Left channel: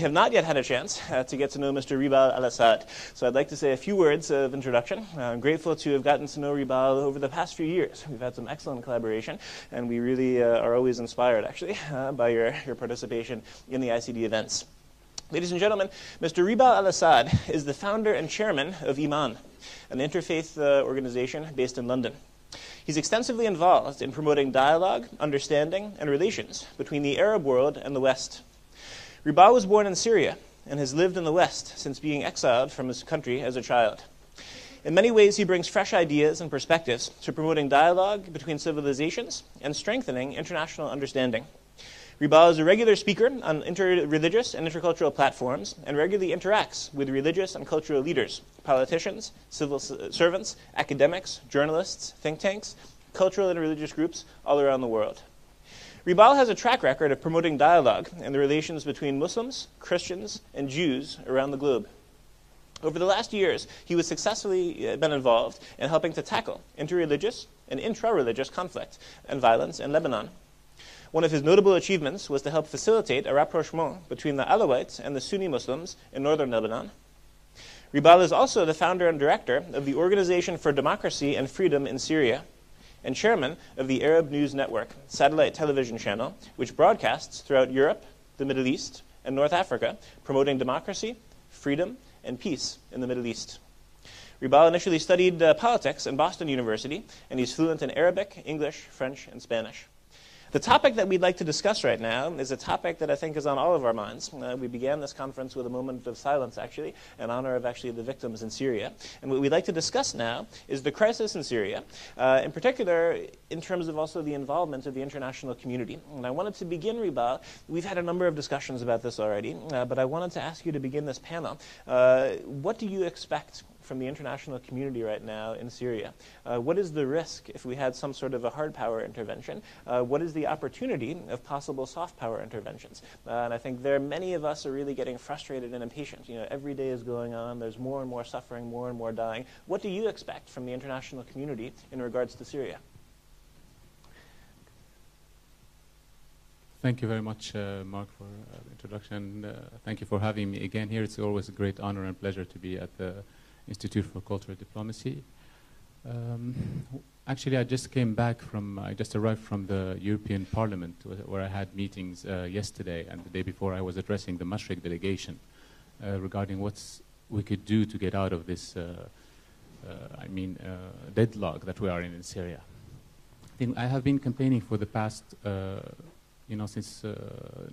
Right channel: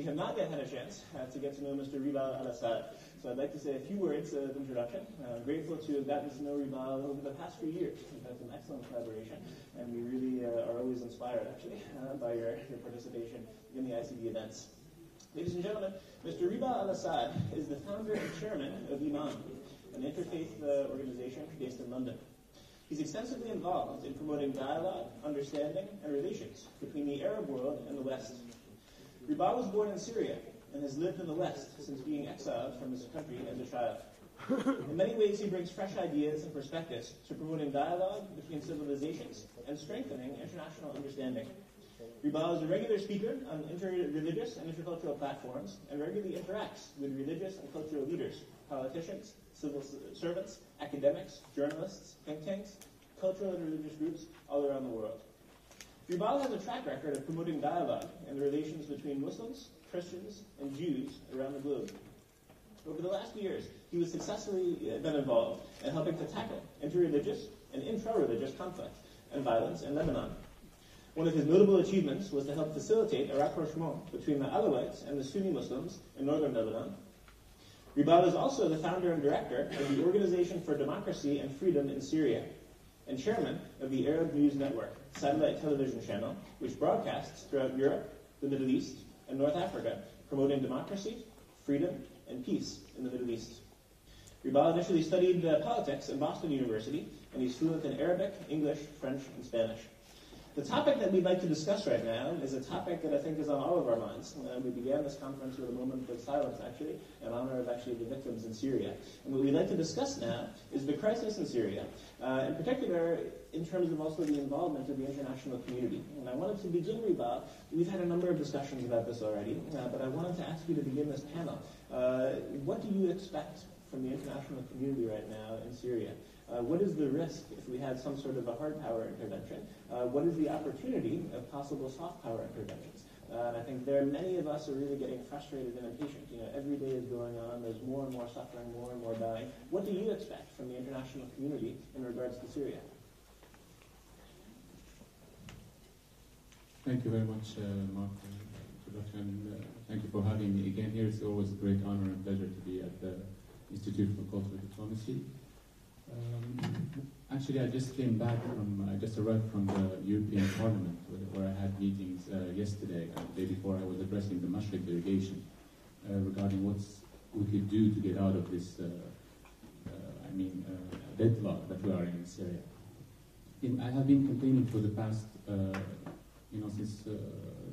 have not yet had a chance to get to know Mr. Ribal Al-Assad. So I'd like to say a few words of introduction. I'm grateful to have gotten to know Ribal over the past few years. We've had some excellent collaboration, and we really are always inspired, actually, by your participation in the ICD events. Ladies and gentlemen, Mr. Ribal Al-Assad is the founder and chairman of Iman, an interfaith organization based in London. He's extensively involved in promoting dialogue, understanding, and relations between the Arab world and the West. Ribal was born in Syria and has lived in the West since being exiled from his country as a child. In many ways, he brings fresh ideas and perspectives to promoting dialogue between civilizations and strengthening international understanding. Ribal is a regular speaker on interreligious and intercultural platforms and regularly interacts with religious and cultural leaders, politicians, civil servants, academics, journalists, think tanks, cultural and religious groups all around the world. Ribal has a track record of promoting dialogue and the relations between Muslims, Christians, and Jews around the globe. Over the last years, he has successfully been involved in helping to tackle interreligious and intra-religious conflict and violence in Lebanon. One of his notable achievements was to help facilitate a rapprochement between the Alawites and the Sunni Muslims in northern Lebanon. Ribal is also the founder and director of the Organization for Democracy and Freedom in Syria, and chairman of the Arab News Network, satellite television channel, which broadcasts throughout Europe, the Middle East, and North Africa, promoting democracy, freedom, and peace in the Middle East. Ribal initially studied politics at Boston University, and he's fluent in Arabic, English, French, and Spanish. The topic that we'd like to discuss right now is a topic that I think is on all of our minds. We began this conference with a moment of silence, actually, in honor of actually the victims in Syria. And what we'd like to discuss now is the crisis in Syria, in particular in terms of also the involvement of the international community. And I wanted to begin, Ribal, we've had a number of discussions about this already, but I wanted to ask you to begin this panel. What do you expect from the international community right now in Syria? What is the risk if we had some sort of a hard power intervention? What is the opportunity of possible soft power interventions? And I think many of us are really getting frustrated and impatient. Every day is going on. There's more and more suffering, more and more dying. What do you expect from the international community in regards to Syria? Thank you very much, Mark, for the introduction. Thank you for having me again here. It's always a great honor and pleasure to be at the Institute for Cultural Diplomacy. Actually, I just arrived from the European Parliament, where I had meetings yesterday and the day before. I was addressing the Mashriq delegation regarding what we could do to get out of this, deadlock that we are in Syria. I have been campaigning for the past, since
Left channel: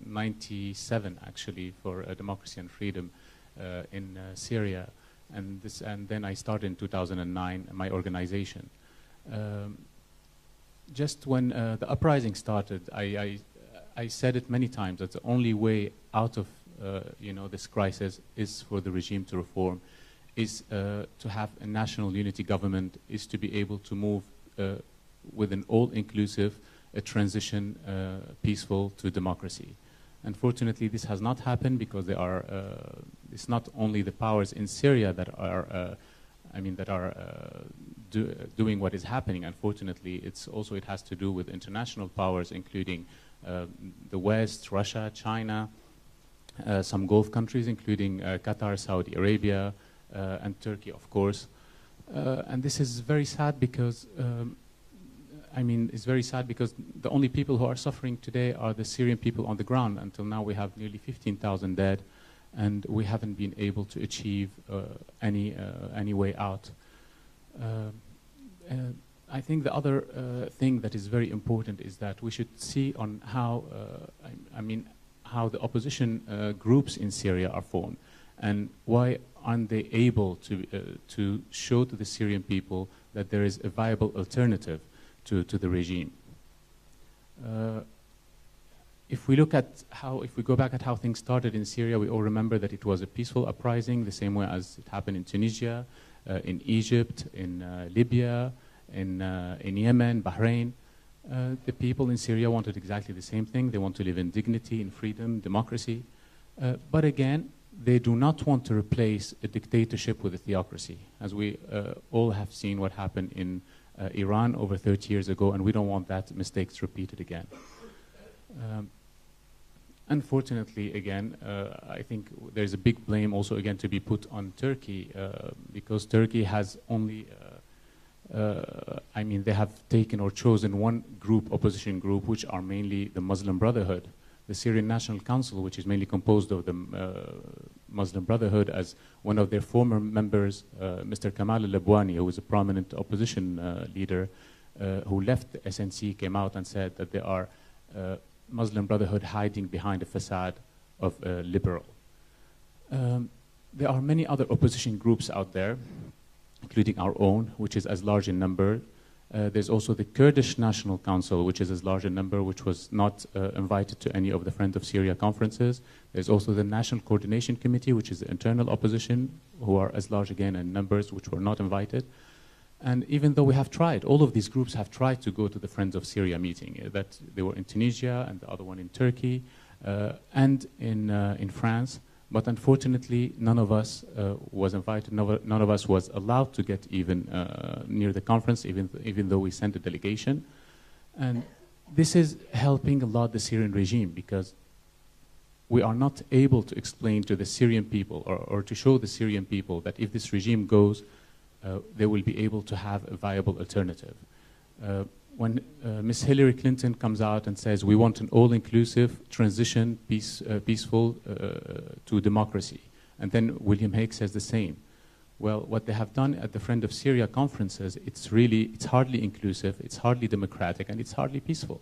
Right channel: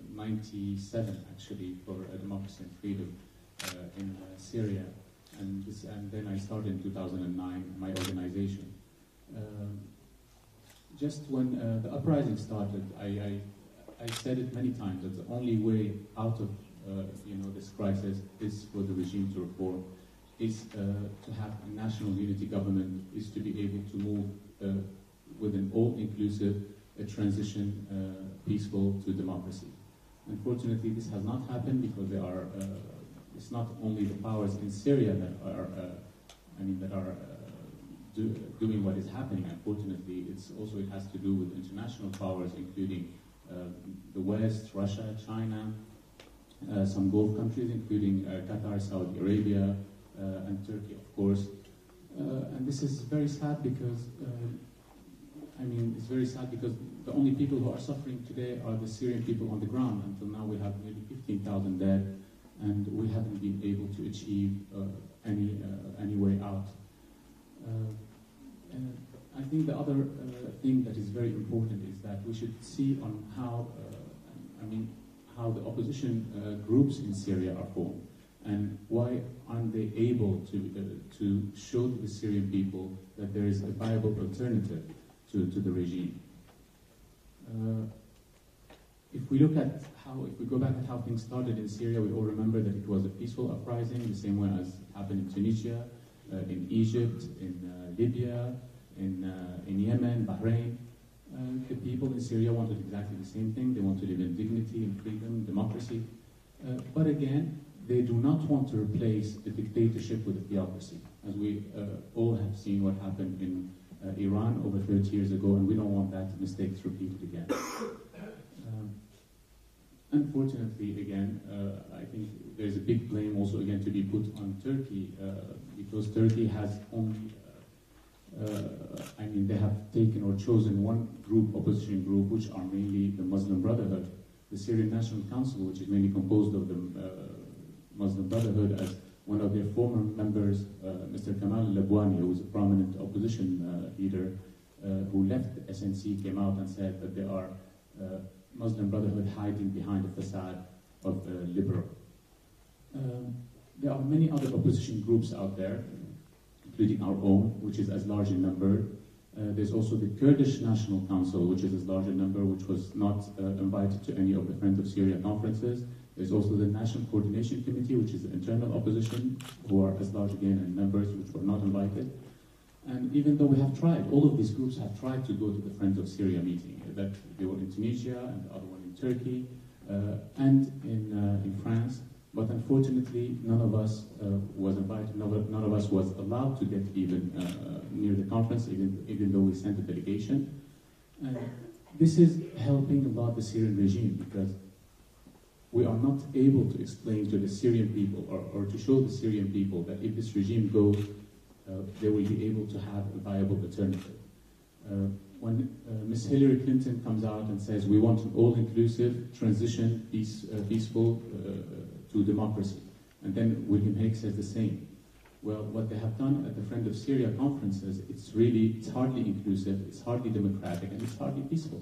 '97, actually, for democracy and freedom in Syria. And then I started in 2009, my organization. Just when the uprising started, I said it many times that the only way out of this crisis is for the regime to reform, is to have a national unity government, is to be able to move with an all-inclusive transition, peaceful to democracy. Unfortunately, this has not happened because there are. It's not only the powers in Syria that are, doing what is happening. Unfortunately, it has to do with international powers, including the West, Russia, China, some Gulf countries, including Qatar, Saudi Arabia, and Turkey, of course. And this is very sad because, it's very sad because the only people who are suffering today are the Syrian people on the ground. Until now, we have nearly 15,000 dead. And we haven't been able to achieve any way out. I think the other thing that is very important is that we should see on how the opposition groups in Syria are formed, and why aren't they able to show to the Syrian people that there is a viable alternative to the regime. If we go back at how things started in Syria, we all remember that it was a peaceful uprising, the same way as it happened in Tunisia, in Egypt, in Libya, in Yemen, Bahrain. The people in Syria wanted exactly the same thing. They want to live in dignity, in freedom, democracy. But again, they do not want to replace a dictatorship with a theocracy, as we all have seen what happened in Iran over 30 years ago, and we don't want that mistake repeated again. Unfortunately, again, I think there's a big blame also again to be put on Turkey because Turkey has only, I mean, they have taken or chosen one group, opposition group, which are mainly the Muslim Brotherhood. The Syrian National Council, which is mainly composed of the Muslim Brotherhood, as one of their former members, Mr. Kamal al-Labwani, who is a prominent opposition leader, who left the SNC, came out and said that there are Muslim Brotherhood hiding behind a facade of liberal. There are many other opposition groups out there, including our own, which is as large in number. There's also the Kurdish National Council, which is as large in number, which was not invited to any of the Friend of Syria conferences. There's also the National Coordination Committee, which is the internal opposition, who are as large again in numbers, which were not invited. And even though we have tried, all of these groups have tried to go to the Friends of Syria meeting. That they were in Tunisia, and the other one in Turkey, and in France. But unfortunately, none of us was invited. None of us was allowed to get even near the conference, even though we sent a delegation. And this is helping a lot the Syrian regime, because we are not able to explain to the Syrian people or to show the Syrian people that if this regime goes, they will be able to have a viable alternative. When Ms. Hillary Clinton comes out and says we want an all-inclusive transition, peaceful to democracy, and then William Hague says the same. Well, what they have done at the Friend of Syria conferences, it's hardly inclusive, it's hardly democratic, and it's hardly peaceful.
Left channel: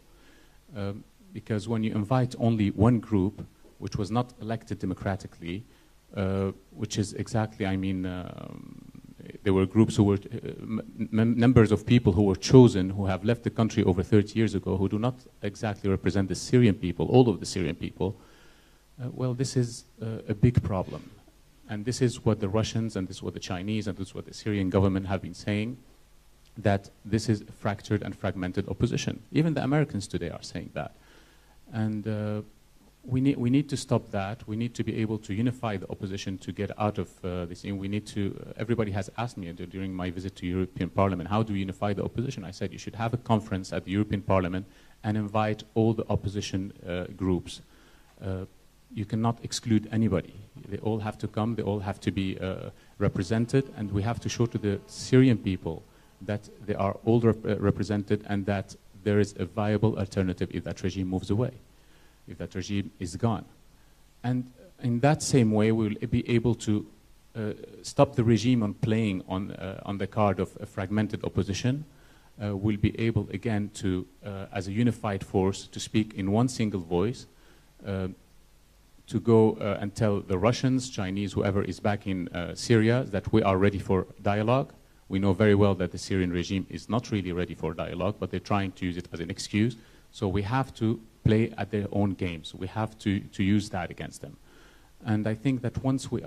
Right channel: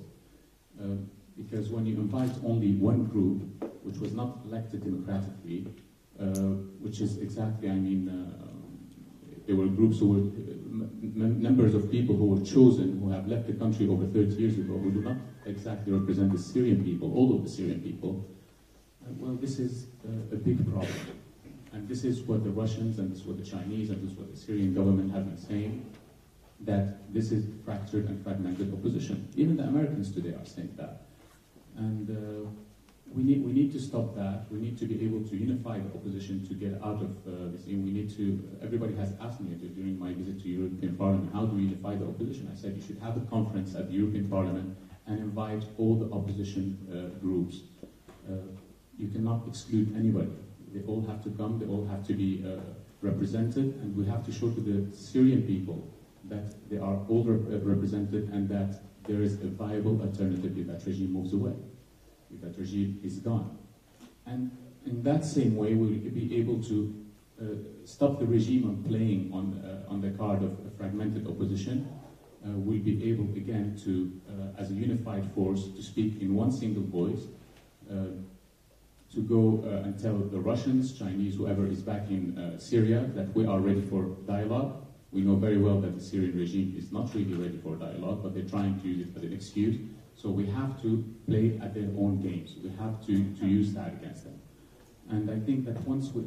Because when you invite only one group, which was not elected democratically, which is exactly, I mean, there were groups who were numbers of people who were chosen, who have left the country over 30 years ago, who do not exactly represent the Syrian people, all of the Syrian people. Well, this is a big problem. And this is what the Russians, and this is what the Chinese, and this is what the Syrian government have been saying, that this is fractured and fragmented opposition. Even the Americans today are saying that. And we need to stop that. We need to be able to unify the opposition to get out of this. And we need to, everybody has asked me during my visit to European Parliament, how do we unify the opposition? I said you should have a conference at the European Parliament and invite all the opposition groups. You cannot exclude anybody. They all have to come, they all have to be represented, and we have to show to the Syrian people that they are all represented and that there is a viable alternative if that regime moves away, if that regime is gone. And in that same way, we will be able to stop the regime on playing on the card of a fragmented opposition. We'll be able, again, to, as a unified force, to speak in one single voice, to go and tell the Russians, Chinese, whoever is back in Syria, that we are ready for dialogue. We know very well that the Syrian regime is not really ready for dialogue, but they're trying to use it as an excuse. So we have to play at their own games. We have to use that against them. And I think that once we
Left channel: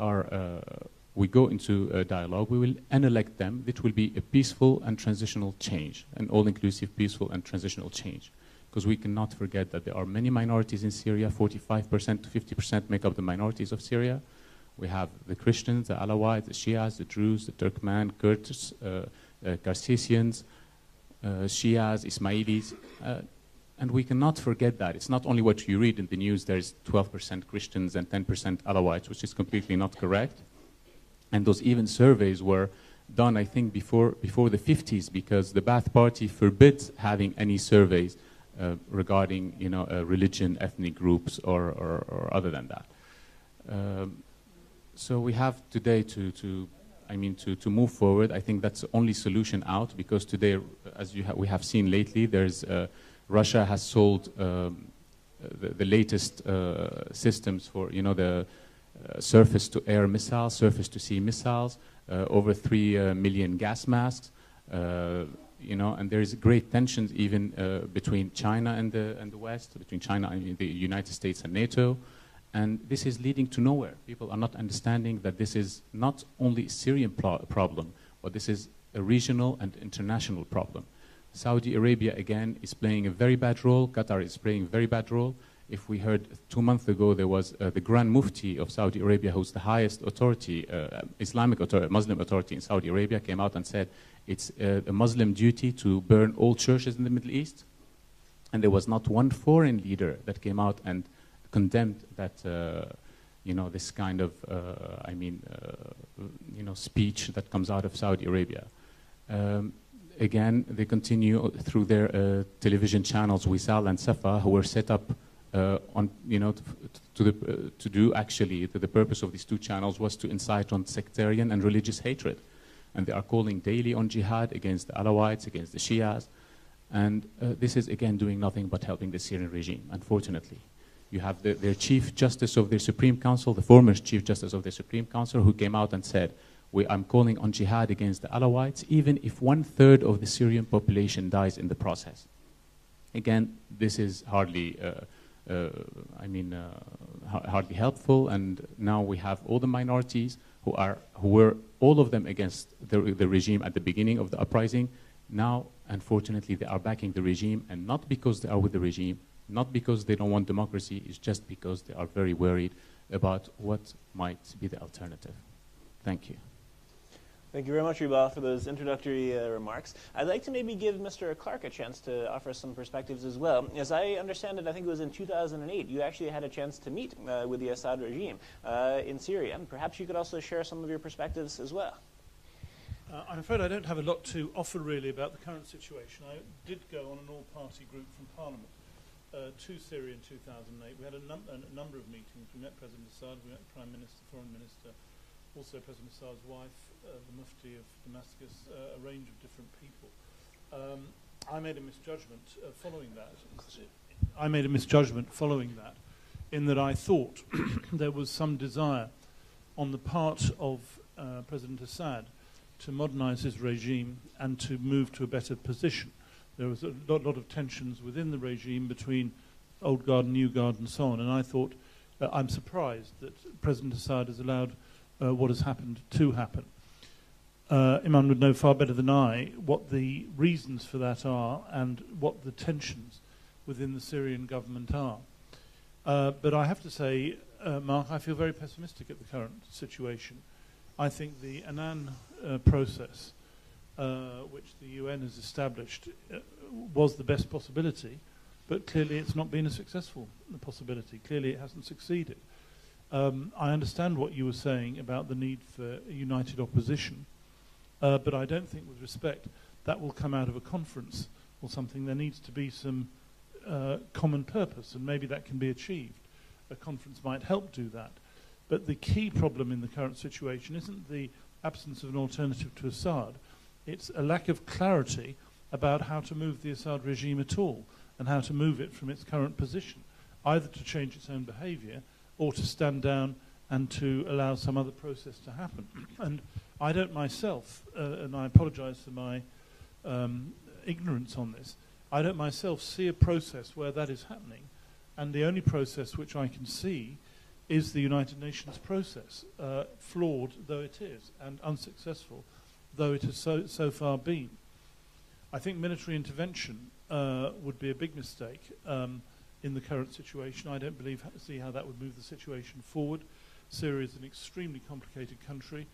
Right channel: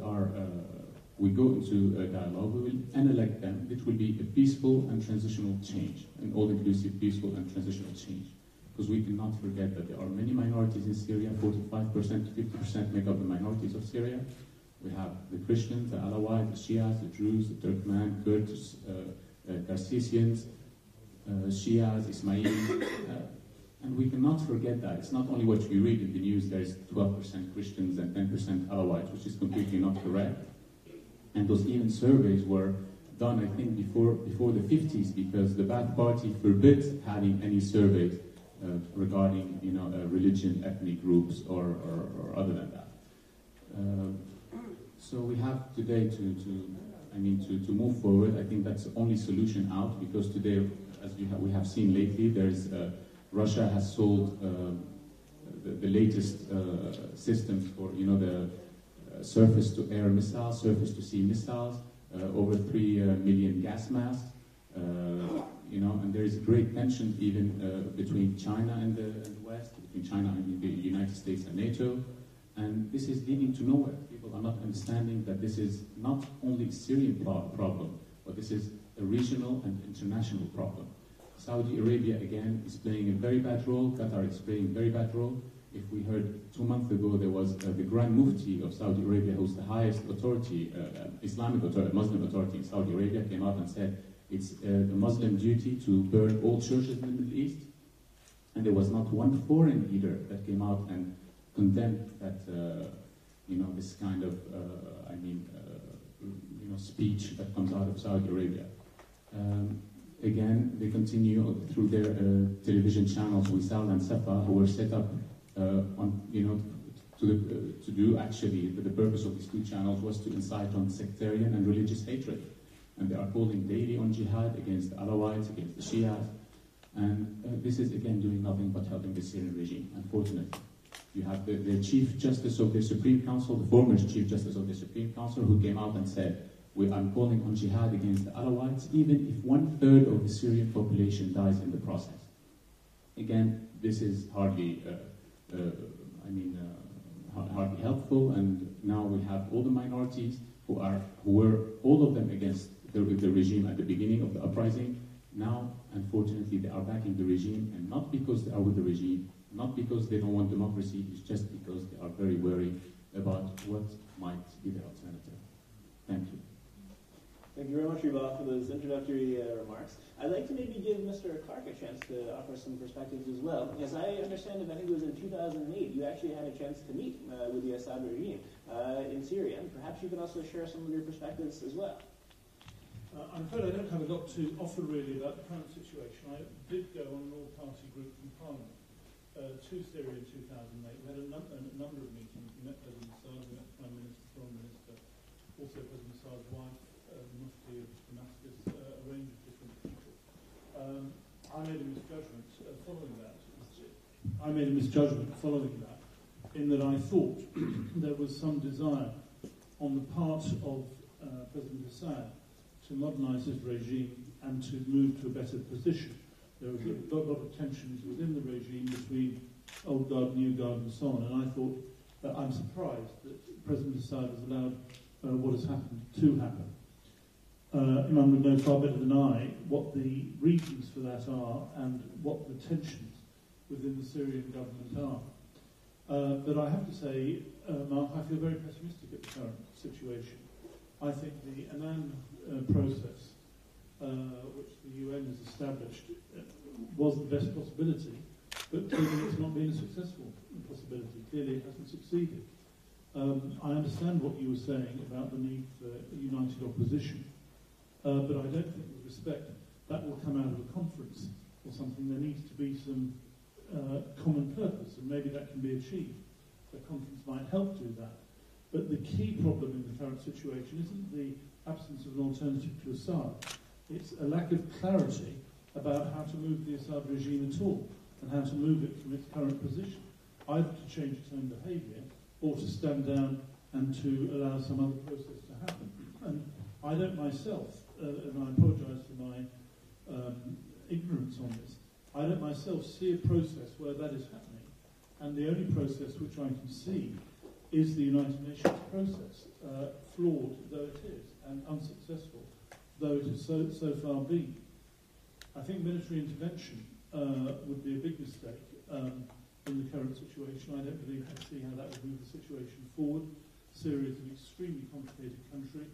go into a dialogue, we will elect them. It will be a peaceful and transitional change, an all-inclusive peaceful and transitional change. Because we cannot forget that there are many minorities in Syria. 45% to 50% make up the minorities of Syria. We have the Christians, the Alawites, the Shias, the Druze, the Turkmen, Kurds, Caucasians, Shias, Ismailis. And we cannot forget that. It's not only what you read in the news, there's 12% Christians and 10% Alawites, which is completely not correct. And those even surveys were done, I think, before the 50s, because the Ba'ath Party forbids having any surveys regarding, religion, ethnic groups, or other than that. So we have today to move forward. I think that's the only solution out, because today, as we have seen lately, there's Russia has sold the latest systems for the surface-to-air missiles, surface-to-sea missiles, over 3 million gas masks. And there is great tensions even between China and the West, between China and the United States and NATO. And this is leading to nowhere. People are not understanding that this is not only a Syrian problem, but this is a regional and international problem. Saudi Arabia, again, is playing a very bad role. Qatar is playing a very bad role. If we heard 2 months ago, there was the Grand Mufti of Saudi Arabia, who's the highest authority, Islamic authority, Muslim authority in Saudi Arabia, came out and said it's the Muslim duty to burn all churches in the Middle East. And there was not one foreign leader that came out and condemned that, this kind of, speech that comes out of Saudi Arabia. Again, they continue through their television channels, Wisal and Safa, who were set up to do actually, the purpose of these two channels was to incite on sectarian and religious hatred. And they are calling daily on jihad against the Alawites, against the Shias. And this is, again, doing nothing but helping the Syrian regime, unfortunately. You have their Chief Justice of their Supreme Council, the former Chief Justice of the Supreme Council, who came out and said, I'm calling on jihad against the Alawites, even if 1/3 of the Syrian population dies in the process. Again, this is hardly, hardly helpful, and now we have all the minorities who were all of them against the regime at the beginning of the uprising. Now, unfortunately, they are backing the regime, and not because they are with the regime, not because they don't want democracy, it's just because they are very worried about what might be the alternative. Thank you. Thank you very much, Ribal, for those introductory remarks. I'd like to maybe give Mr. Clark a chance to offer some perspectives as well. As I understand it, I think it was in 2008, you actually had a chance to meet with the Assad regime in Syria. Perhaps you could also share some of your perspectives as well. I'm afraid I don't have a lot to offer really about the current situation. I did go on an all-party group from Parliament to Syria in 2008. We had a number of meetings. We met President Assad, we met the Prime Minister, Foreign Minister, also President Assad's wife, Mufti of Damascus, a range of different people. I made a misjudgment following that. In that I thought there was some desire on the part of President Assad to modernize his regime and to move to a better position. There was a lot of tensions within the regime between old guard and new guard and so on, and I thought, I'm surprised that President Assad has allowed what has happened to happen. Imran would know far better than I what the reasons for that are and what the tensions within the Syrian government are. But I have to say, Mark, I feel very pessimistic at the current situation. I think the Annan process, which the UN has established, was the best possibility, but clearly it's not been a successful possibility. Clearly it hasn't succeeded. I understand what you were saying about the need for a united opposition, but I don't think, with respect, that will come out of a conference or something. There needs to be some common purpose, and maybe that can be achieved. A conference might help do that. But the key problem in the current situation isn't the absence of an alternative to Assad. It's a lack of clarity about how to move the Assad regime at all, and how to move it from its current position, either to change its own behaviour or to stand down and to allow some other process to happen. And I don't myself, and I apologise for my ignorance on this, I don't myself see a process where that is happening. And the only process which I can see is the United Nations process, flawed though it is, and unsuccessful though it has so far been. I think military intervention would be a big mistake in the current situation. I don't see how that would move the situation forward. Syria is an extremely complicated country.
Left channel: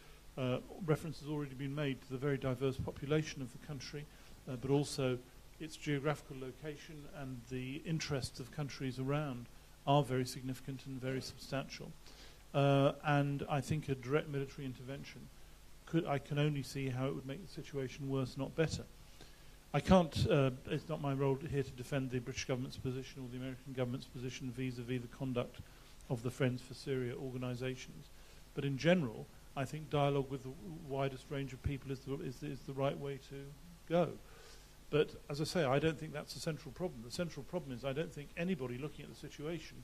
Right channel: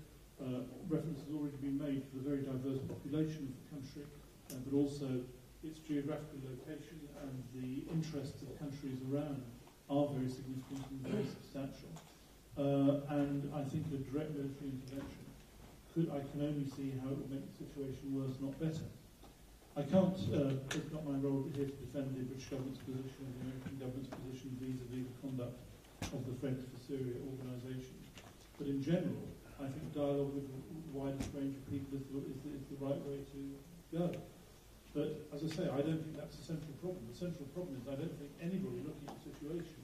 Reference has already been made to the very diverse population of the country, but also its geographical location and the interests of countries around are very significant and very substantial. And I think a direct military intervention I can only see how it would make the situation worse, not better. I can't, it's not my role here to defend the British government's position or the American government's position vis-à-vis the conduct of the Friends for Syria organisations. But in general, I think dialogue with the widest range of people is the right way to go. But as I say, I don't think that's the central problem. The central problem is I don't think anybody looking at the situation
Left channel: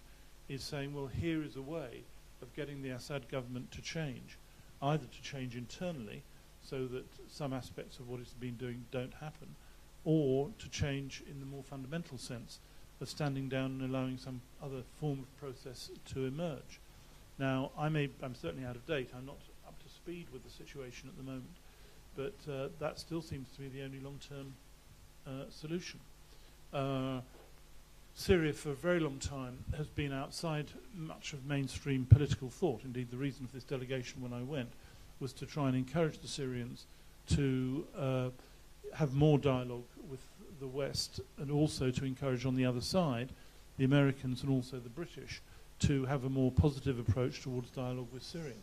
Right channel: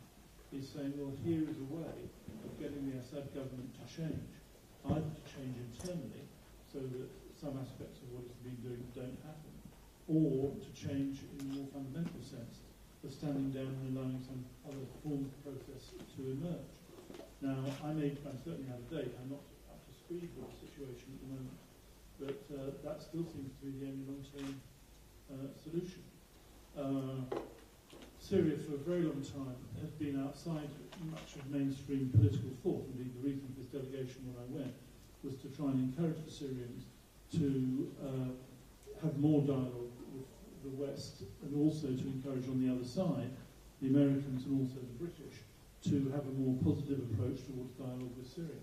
is saying, well, here is a way of getting the Assad government to change, either to change internally so that some aspects of what it's been doing don't happen, or to change in the more fundamental sense of standing down and allowing some other form of process to emerge. Now, I'm certainly out of date. I'm not up to speed with the situation at the moment, but that still seems to be the only long-term solution. Syria, for a very long time, has been outside much of mainstream political thought. Indeed, the reason for this delegation when I went was to try and encourage the Syrians to have more dialogue with the West, and also to encourage on the other side the Americans and also the British to have a more positive approach towards dialogue with Syria.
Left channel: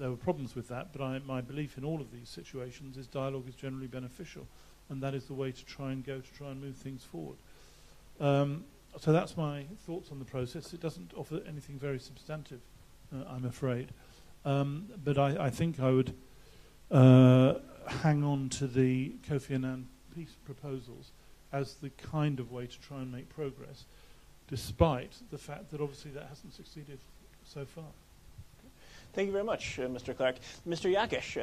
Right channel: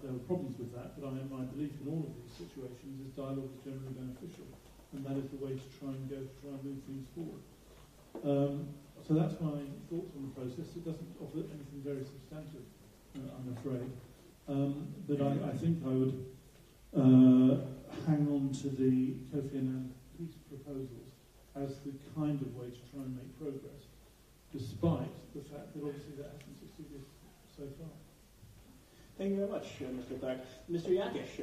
There were problems with that, but my belief in all of these situations is dialogue is generally beneficial, and that is the way to try and move things forward. So that's my thoughts on the process. It doesn't offer anything very substantive, I'm afraid. But I think I would hang on to the Kofi Annan peace proposals as the kind of way to try and make progress, despite the fact that obviously that hasn't succeeded so far. Thank you very much, Mr. Clark. Mr. Yakis,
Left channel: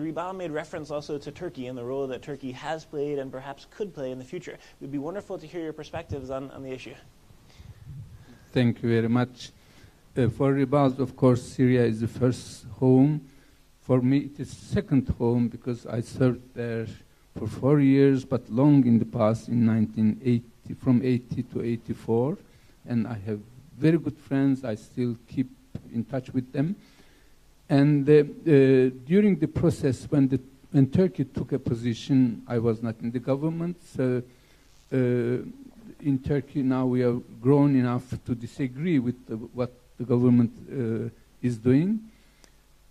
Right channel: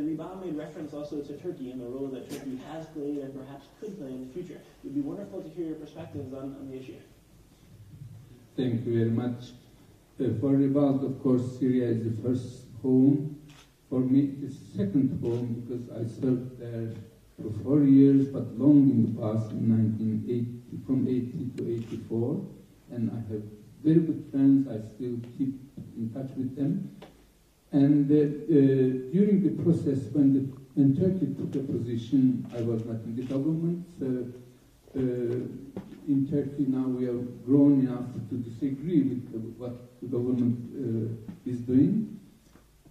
Ribal made reference also to Turkey and the role that Turkey has played and perhaps could play in the future. It would be wonderful to hear your perspectives on the issue. Thank you very much. For Ribal, of course, Syria is the first home. For me, it is second home because I served there for 4 years, but long in the past, in 1980, from 80 to 84. And I have very good friends. I still keep in touch with them. And during the process, when Turkey took a position, I was not in the government. So in Turkey now we are grown enough to disagree with what the government is doing.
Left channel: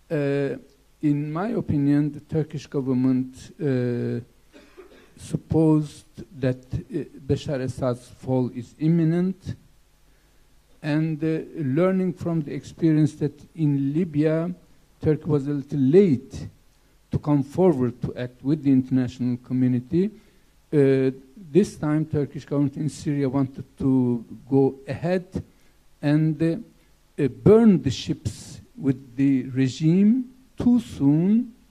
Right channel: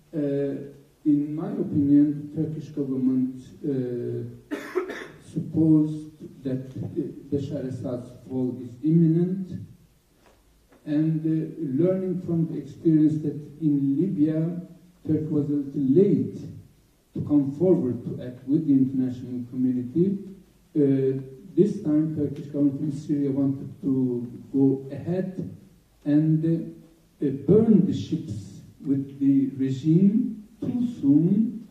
In my opinion, the Turkish government supposed that Bashar Assad's fall is imminent, and learning from the experience that in Libya, Turkey was a little late to come forward to act with the international community. This time, Turkish government in Syria wanted to go ahead and burn the ships with the regime too soon,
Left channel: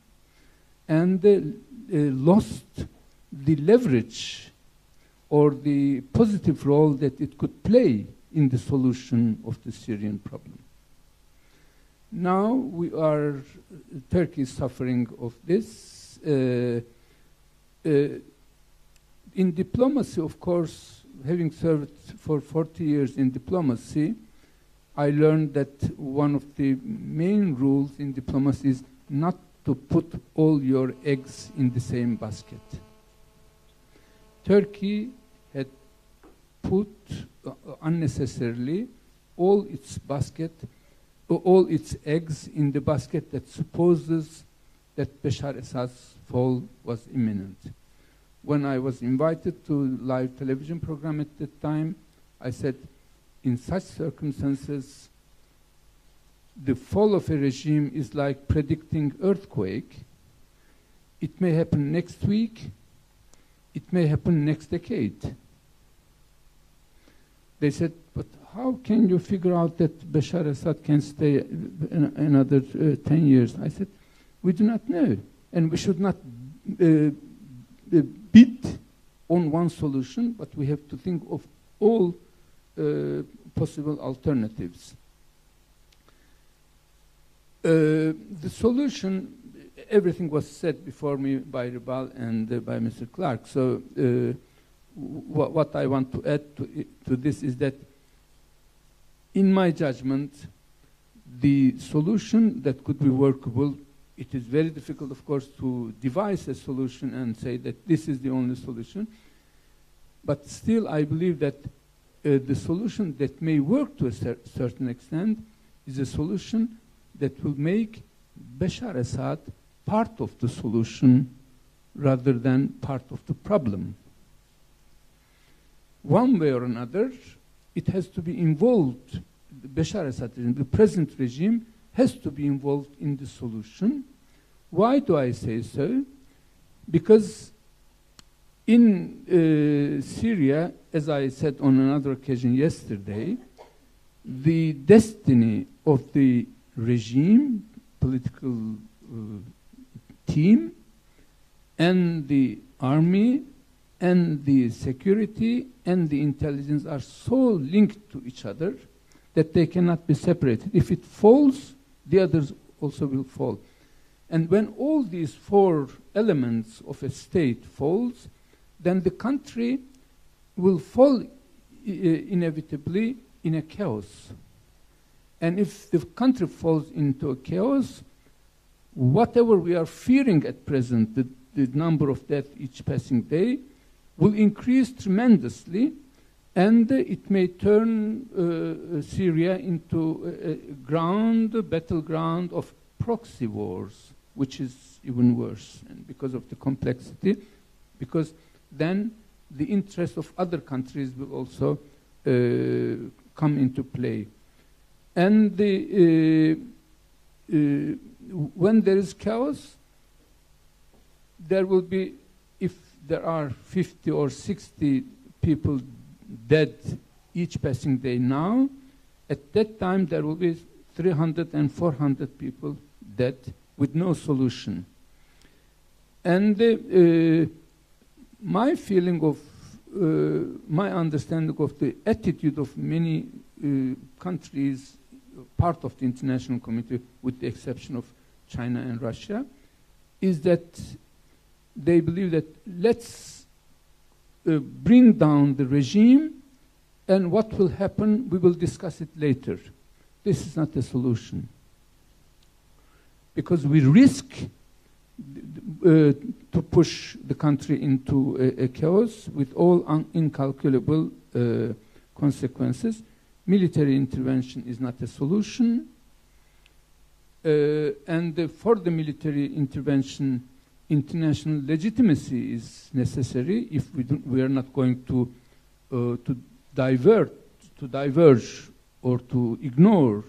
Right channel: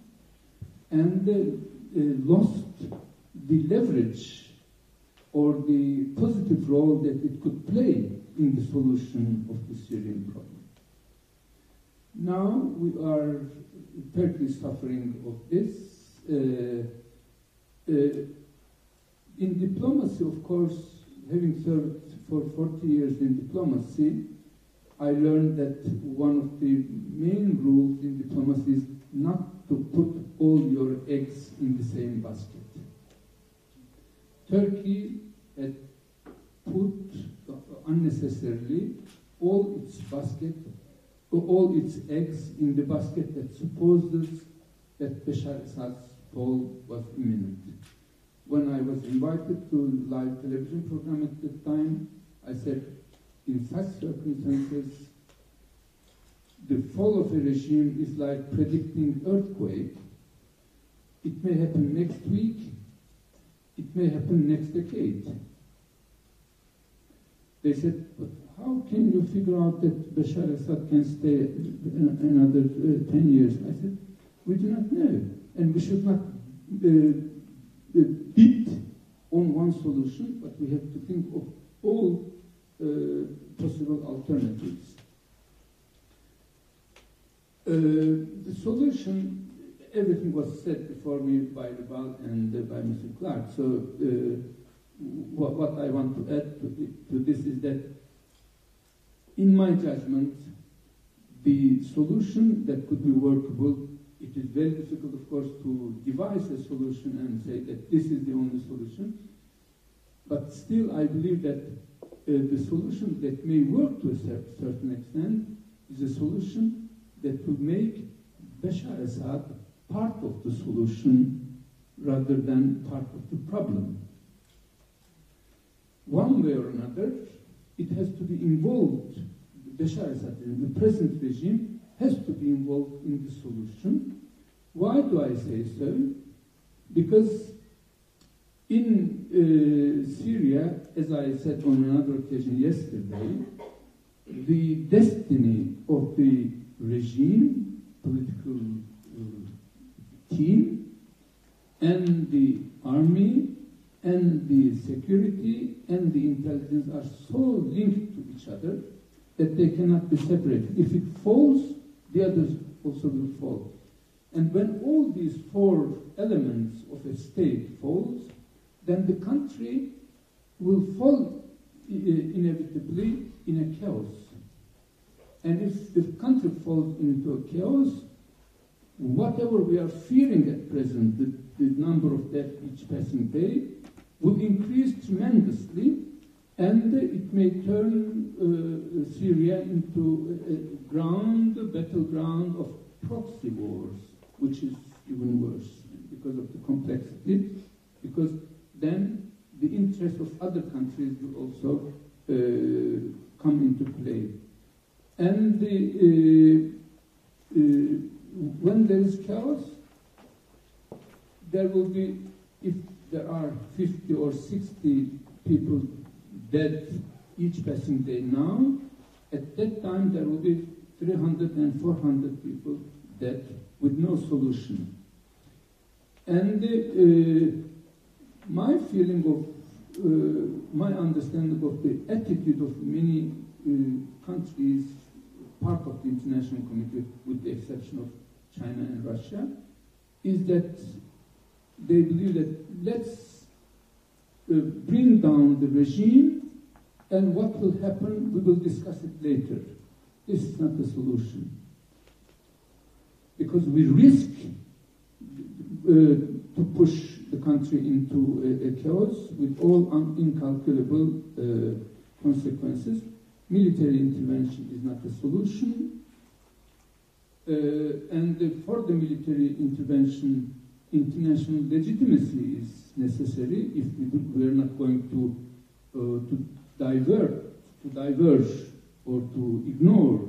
and lost the leverage or the positive role that it could play in the solution of the Syrian problem. Now Turkey is suffering of this. In diplomacy, of course, having served for 40 years in diplomacy, I learned that one of the main rules in diplomacy is not to put all your eggs in the same basket. Turkey had put unnecessarily all its eggs in the basket that supposes that Bashar Assad's fall was imminent. When I was invited to a live television program at that time, I said, in such circumstances, the fall of a regime is like predicting earthquake. It may happen next week, it may happen next decade. They said, but how can you figure out that Bashar Assad can stay another 10 years? I said, we do not know, and we should not bid on one solution, but we have to think of all possible alternatives. The solution, everything was said before me by Ribal and by Mr. Clark. So what I want to add to this is that, in my judgment, the solution that could be workable, it is very difficult, of course, to devise a solution and say that this is the only solution. But still, I believe that the solution that may work to a certain extent is a solution that will make Bashar Assad part of the solution rather than part of the problem. One way or another, it has to be involved. Bashar Assad, the present regime, has to be involved in the solution. Why do I say so? Because in Syria, as I said on another occasion yesterday, the destiny of the regime, political team, and the army, and the security, and the intelligence are so linked to each other that they cannot be separated. If it falls, the others also will fall. And when all these four elements of a state falls, then the country will fall inevitably in a chaos. And if the country falls into a chaos, whatever we are fearing at present, the number of deaths each passing day, will increase tremendously, And it may turn Syria into a battleground of proxy wars, which is even worse, and because of the complexity, because then the interests of other countries will also come into play. And when there is chaos, there will be, if there are 50 or 60 people dead each passing day now, at that time there will be 300 and 400 people dead with no solution. And my feeling of, my understanding of the attitude of many countries, part of the international community, with the exception of China and Russia, is that they believe that let's bring down the regime, and what will happen, we will discuss it later. This is not the solution. Because we risk to push the country into a chaos with all incalculable consequences. Military intervention is not a solution. And for the military intervention, international legitimacy is necessary if we are not going to diverge or to ignore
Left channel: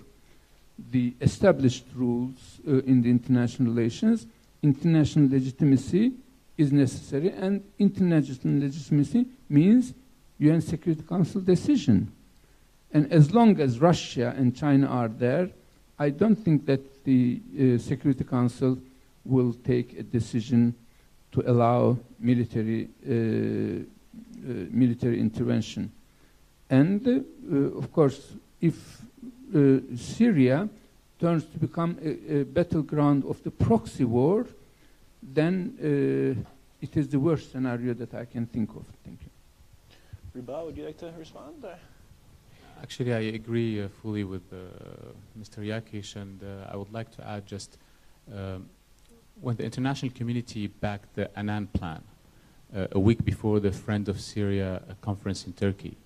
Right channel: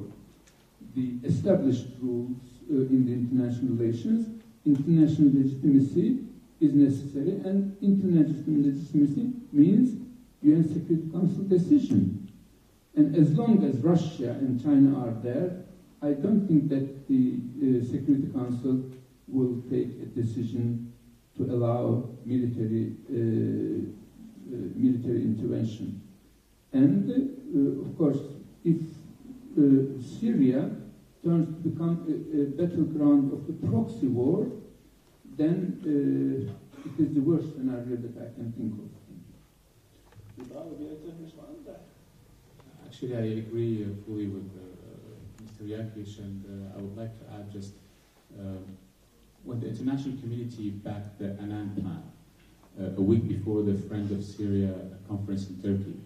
the established rules in the international relations. International legitimacy is necessary, and international legitimacy means UN Security Council decision. And as long as Russia and China are there, I don't think that the Security Council will take a decision to allow military intervention. And of course, if Syria turns to become a battleground of the proxy war, then it is the worst scenario that I can think of. Thank you. Ribal, would you like to respond? Actually, I agree fully with Mr. Yakis, and I would like to add just when the international community backed the Annan Plan a week before the Friend of Syria conference in Turkey.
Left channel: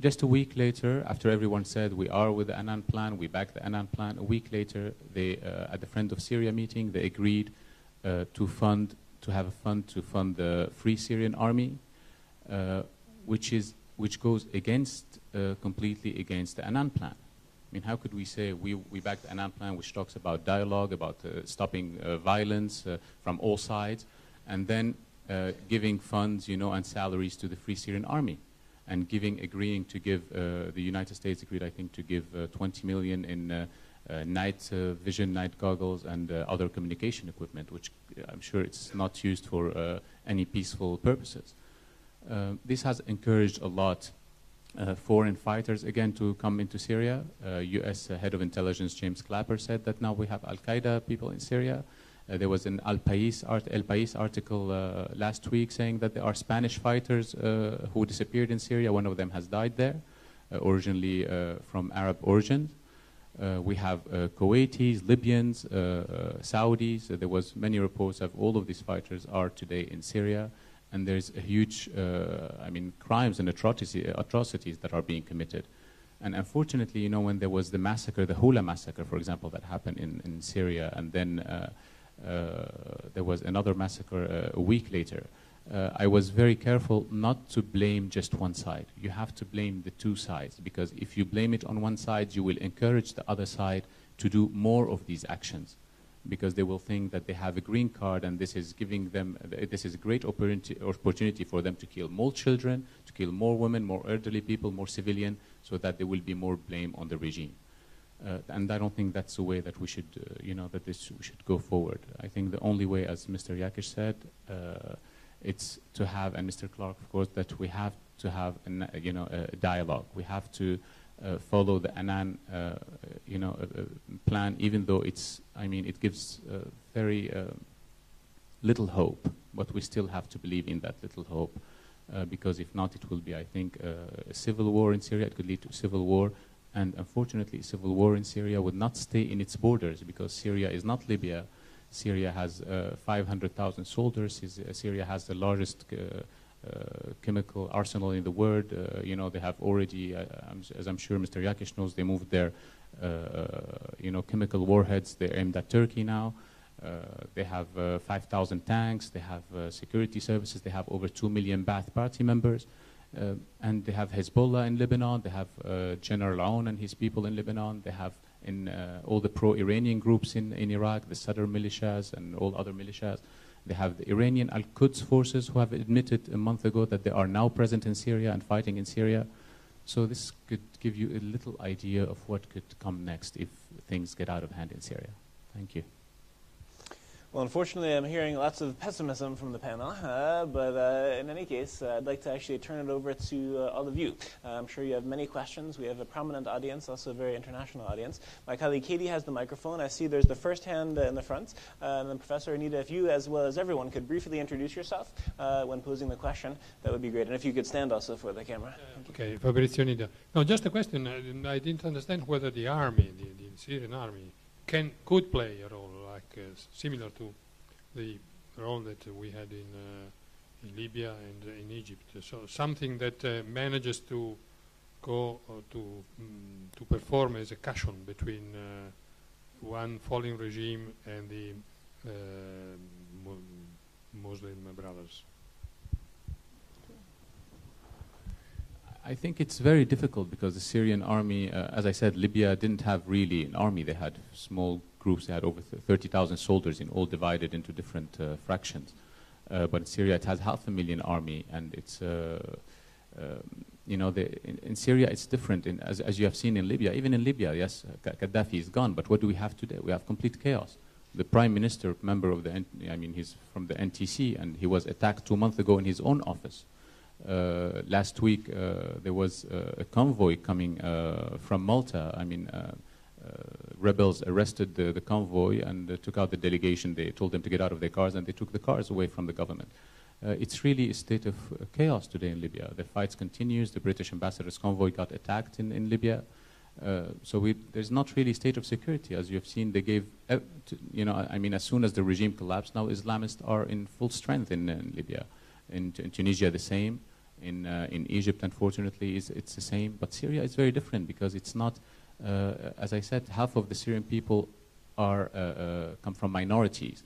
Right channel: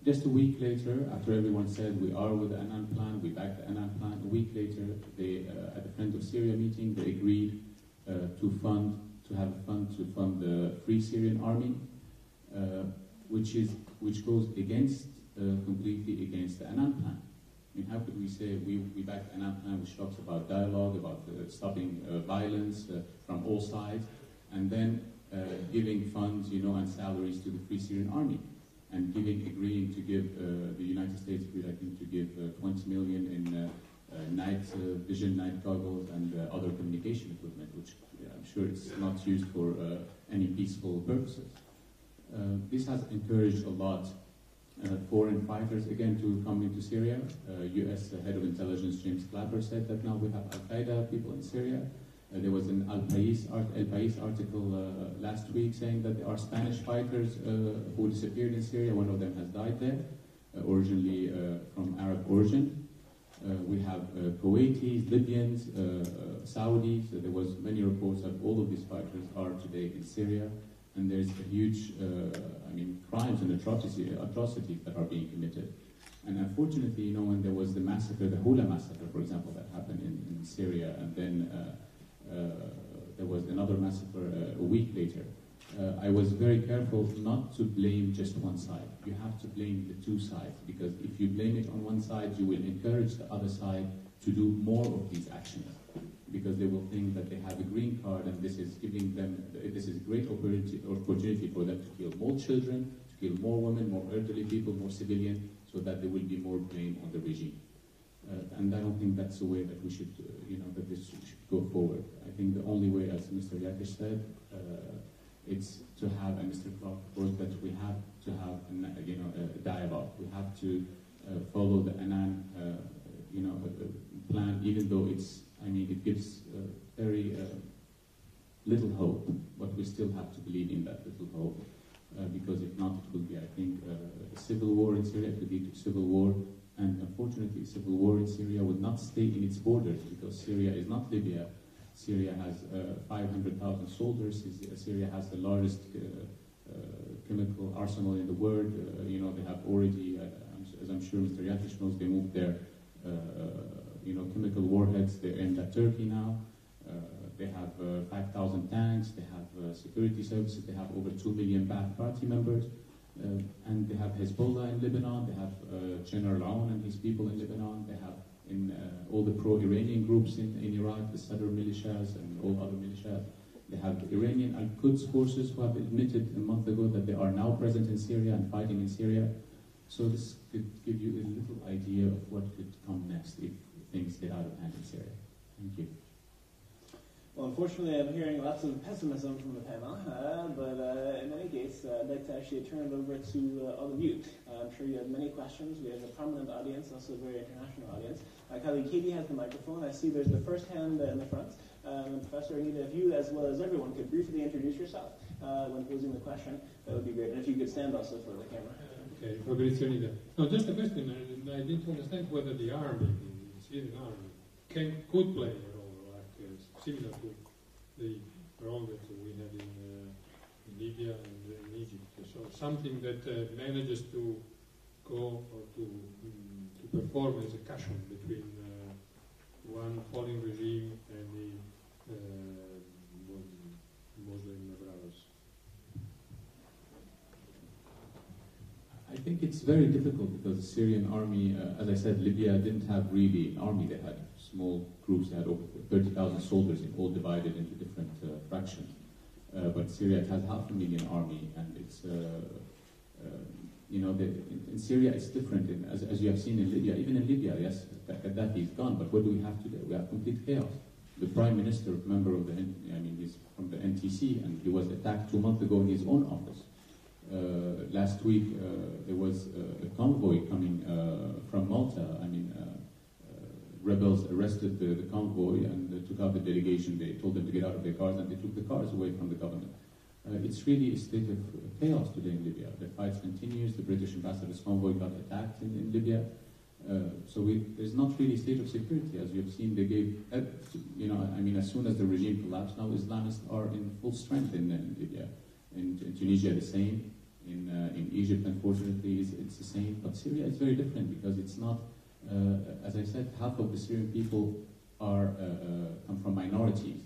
Just a week later, after everyone said we are with the Annan Plan, we backed the Annan Plan, a week later, they, at the Friend of Syria meeting, they agreed to have a fund to fund the Free Syrian Army, which goes completely against the Annan Plan. I mean, how could we say we backed the Annan Plan, which talks about dialogue, about stopping violence from all sides, and then giving funds, and salaries to the Free Syrian Army, and agreeing to give, the United States agreed, I think, to give 20 million in night vision, night goggles, and other communication equipment, which I'm sure it's not used for any peaceful purposes. This has encouraged a lot foreign fighters, again, to come into Syria. U.S. Head of Intelligence James Clapper said that now we have Al-Qaeda people in Syria. There was an El País article last week saying that there are Spanish fighters who disappeared in Syria. One of them has died there, originally from Arab origin. We have Kuwaitis, Libyans, Saudis. There was many reports of all of these fighters are today in Syria. And there's a huge, crimes and atrocities that are being committed. And unfortunately, when there was the massacre, the Hula massacre, for example, that happened in Syria, and then there was another massacre a week later, I was very careful not to blame just one side. You have to blame the two sides, because if you blame it on one side, you will encourage the other side to do more of these actions, because they will think that they have a green card, and this is giving them, this is a great opportunity for them to kill more children, to kill more women, more elderly people, more civilian, so that there will be more blame on the regime. And I don't think that's the way that we should, that this should go forward. I think the only way, as Mr. Yakis said, it's to have, and Mr. Clark, of course, that we have to have, a dialogue. We have to follow the Annan, plan, even though it gives very little hope, but we still have to believe in that little hope, because if not, it will be, I think, a civil war in Syria. It could lead to civil war, and unfortunately, civil war in Syria would not stay in its borders, because Syria is not Libya. Syria has 500,000 soldiers. Syria has the largest chemical arsenal in the world. You know, they have already, as I'm sure Mr. Yakis knows, they moved their you know, chemical warheads. They're aimed at Turkey now. They have 5,000 tanks. They have security services. They have over 2 million Ba'ath Party members. And they have Hezbollah in Lebanon. They have General Aoun and his people in Lebanon. They have all the pro-Iranian groups in Iraq, the Sadr militias and all other militias. They have the Iranian Al-Quds forces who have admitted a month ago that they are now present in Syria and fighting in Syria. So this could give you a little idea of what could come next if things get out of hand in Syria. Thank you. Well, unfortunately, I'm hearing lots of pessimism from the panel, but in any case, I'd like to actually turn it over to all of you. I'm sure you have many questions. We have a prominent audience, also a very international audience. My colleague Katie has the microphone. I see there's the first hand in the front. And then Professor Anita, if you, as well as everyone, could briefly introduce yourself when posing the question, that would be great. And if you could stand also for the camera. Okay, Fabrizio Anita. No, just a question. I didn't understand whether the army, the Syrian army, could play a role similar to the role that we had in Libya and in Egypt. So something that manages to go to perform as a cushion between one falling regime and the Muslim brothers. I think it's very difficult because the Syrian army, as I said, Libya didn't have really an army. They had small groups. They had over 30,000 soldiers, all divided into different fractions. But Syria, it has 500,000 army, and it's, you know, in Syria it's different. As you have seen in Libya, even in Libya, yes, Gaddafi is gone. But what do we have today? We have complete chaos. The prime minister, member of he's from the NTC, and he was attacked 2 months ago in his own office. Last week, there was a convoy coming from Malta. Rebels arrested the convoy and took out the delegation. They told them to get out of their cars, and they took the cars away from the government. It's really a state of chaos today in Libya. The fights continues. The British ambassador's convoy got attacked in Libya. So there's not really a state of security. As you've seen, they gave, as soon as the regime collapsed, now Islamists are in full strength in Libya. In Tunisia, the same. In Egypt, unfortunately, it's the same. But Syria is very different because it's not, as I said, half of the Syrian people come from minorities.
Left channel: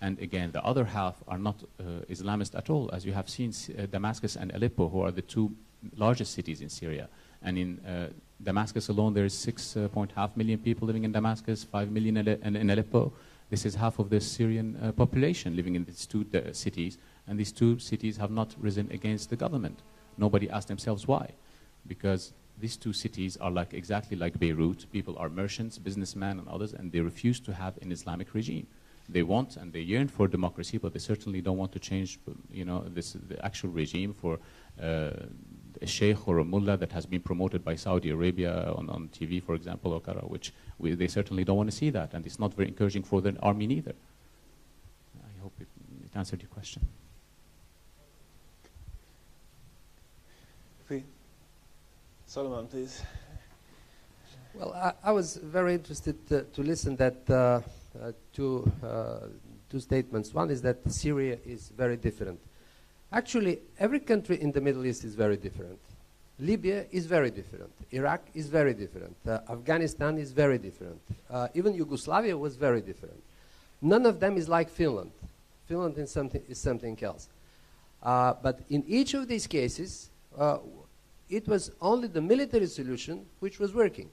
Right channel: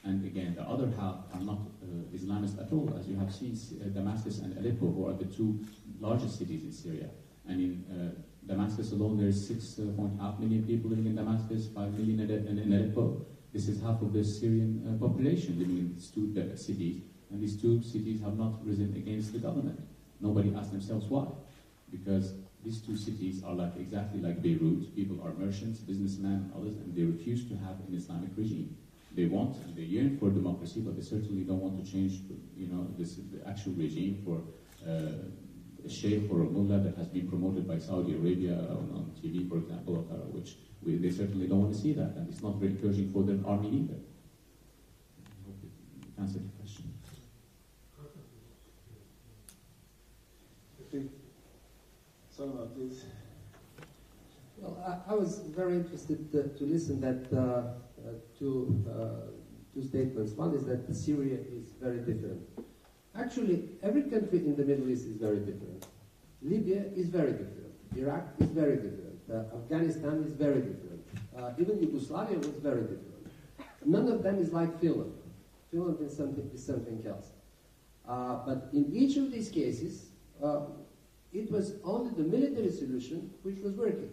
And again, the other half are not Islamist at all. As you have seen, Damascus and Aleppo, who are the two largest cities in Syria. And in Damascus alone, there is 6.5 million people living in Damascus, 5 million in Aleppo. This is half of the Syrian population living in these two cities. And these two cities have not risen against the government. Nobody asked themselves why. Because these two cities are exactly like Beirut. People are merchants, businessmen, and others, and they refuse to have an Islamic regime. They want and they yearn for democracy, but they certainly don't want to change, the actual regime for a sheikh or a mullah that has been promoted by Saudi Arabia on TV, for example, which they certainly don't want to see that, and it's not very encouraging for the army neither. I hope it answered your question. Solomon, please. Well, I was very interested to listen that two statements. One is that Syria is very different. Actually, every country in the Middle East is very different. Libya is very different. Iraq is very different. Afghanistan is very different. Even Yugoslavia was very different. None of them is like Finland. Finland is something else. But in each of these cases, it was only the military solution which was working.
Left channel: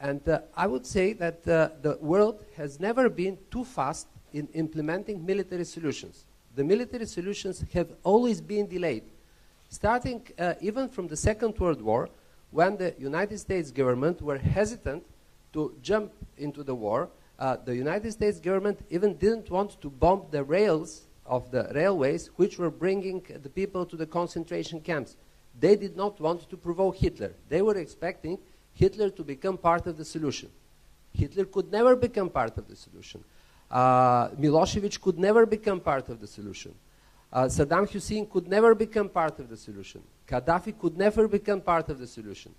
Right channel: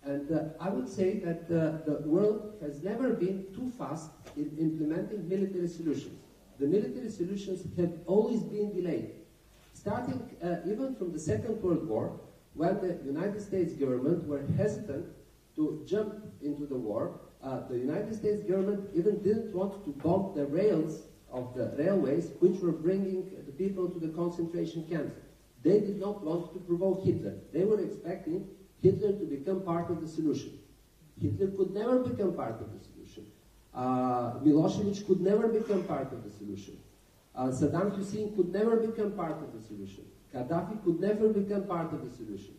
And I would say that the world has never been too fast in implementing military solutions. The military solutions have always been delayed. Starting even from the Second World War, when the United States government were hesitant to jump into the war, the United States government even didn't want to bomb the rails of the railways which were bringing the people to the concentration camps. They did not want to provoke Hitler. They were expecting Hitler to become part of the solution. Hitler could never become part of the solution. Milosevic could never become part of the solution. Saddam Hussein could never become part of the solution. Gaddafi could never become part of the solution.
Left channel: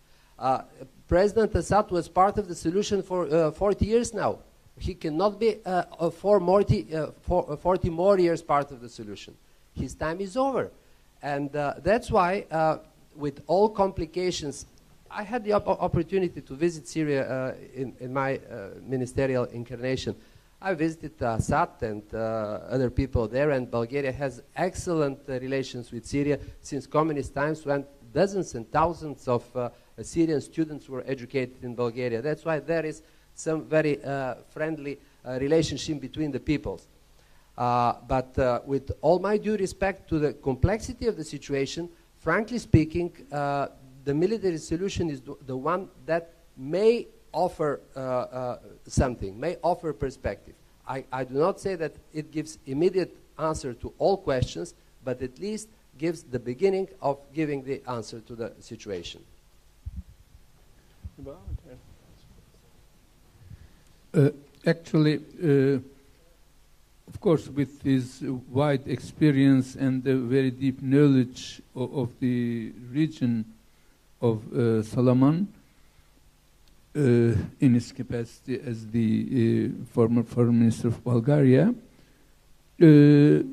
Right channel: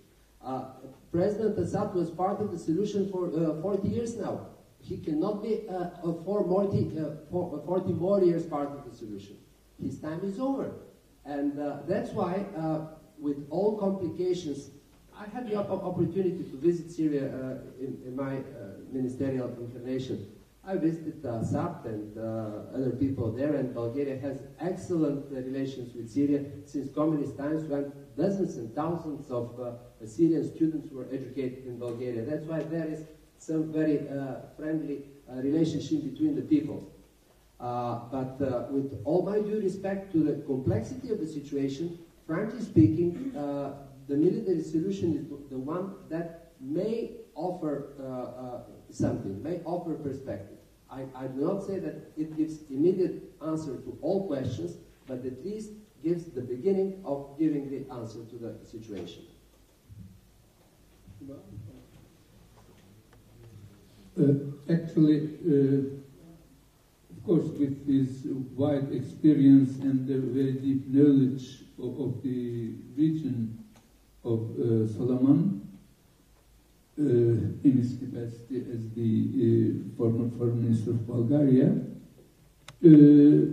President Assad was part of the solution for 40 years now. He cannot be 40 more years part of the solution. His time is over. And that's why, with all complications, I had the opportunity to visit Syria in my ministerial incarnation. I visited Assad and other people there, and Bulgaria has excellent relations with Syria since communist times, when dozens and thousands of Syrian students were educated in Bulgaria. That's why there is some very friendly relationship between the peoples. But with all my due respect to the complexity of the situation, frankly speaking, the military solution is the one that may offer something, may offer perspective. I do not say that it gives immediate answer to all questions, but at least gives the beginning of giving the answer to the situation. Actually, of course, with his wide experience and the very deep knowledge of the region of Solomon, in his capacity as the former Foreign Minister of Bulgaria, the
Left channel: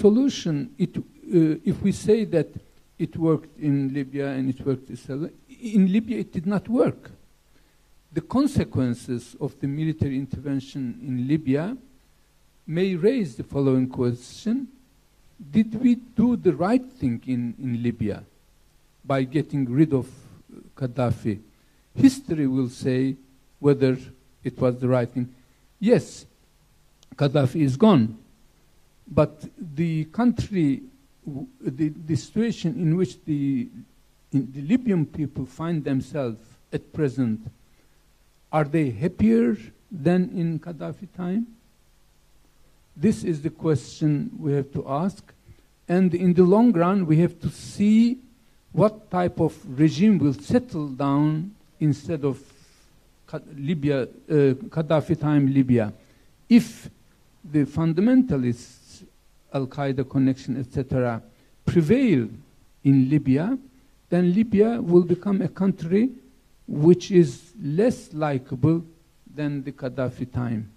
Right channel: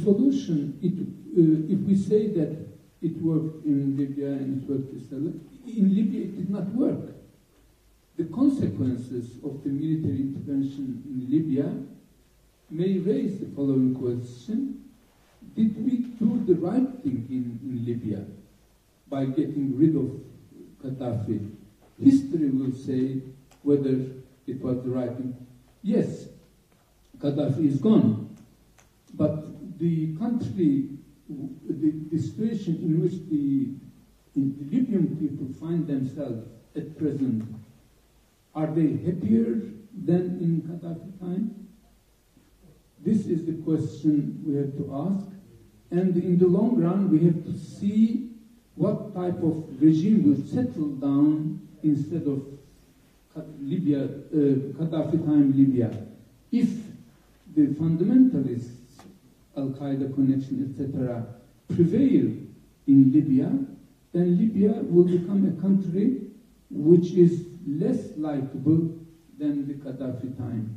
solution, if we say that it worked in Libya and it worked in Libya, it did not work. The consequences of the military intervention in Libya may raise the following question: did we do the right thing in Libya by getting rid of Gaddafi? History will say whether it was the right thing. Yes, Gaddafi is gone, but the country, the situation in which the Libyan people find themselves at present, are they happier than in Gaddafi time? This is the question we have to ask. And in the long run, we have to see what type of regime will settle down instead of Libya, Gaddafi time Libya. If the fundamentalists, Al-Qaeda connection, etc., prevail in Libya, then Libya will become a country which is less likable than the Gaddafi time.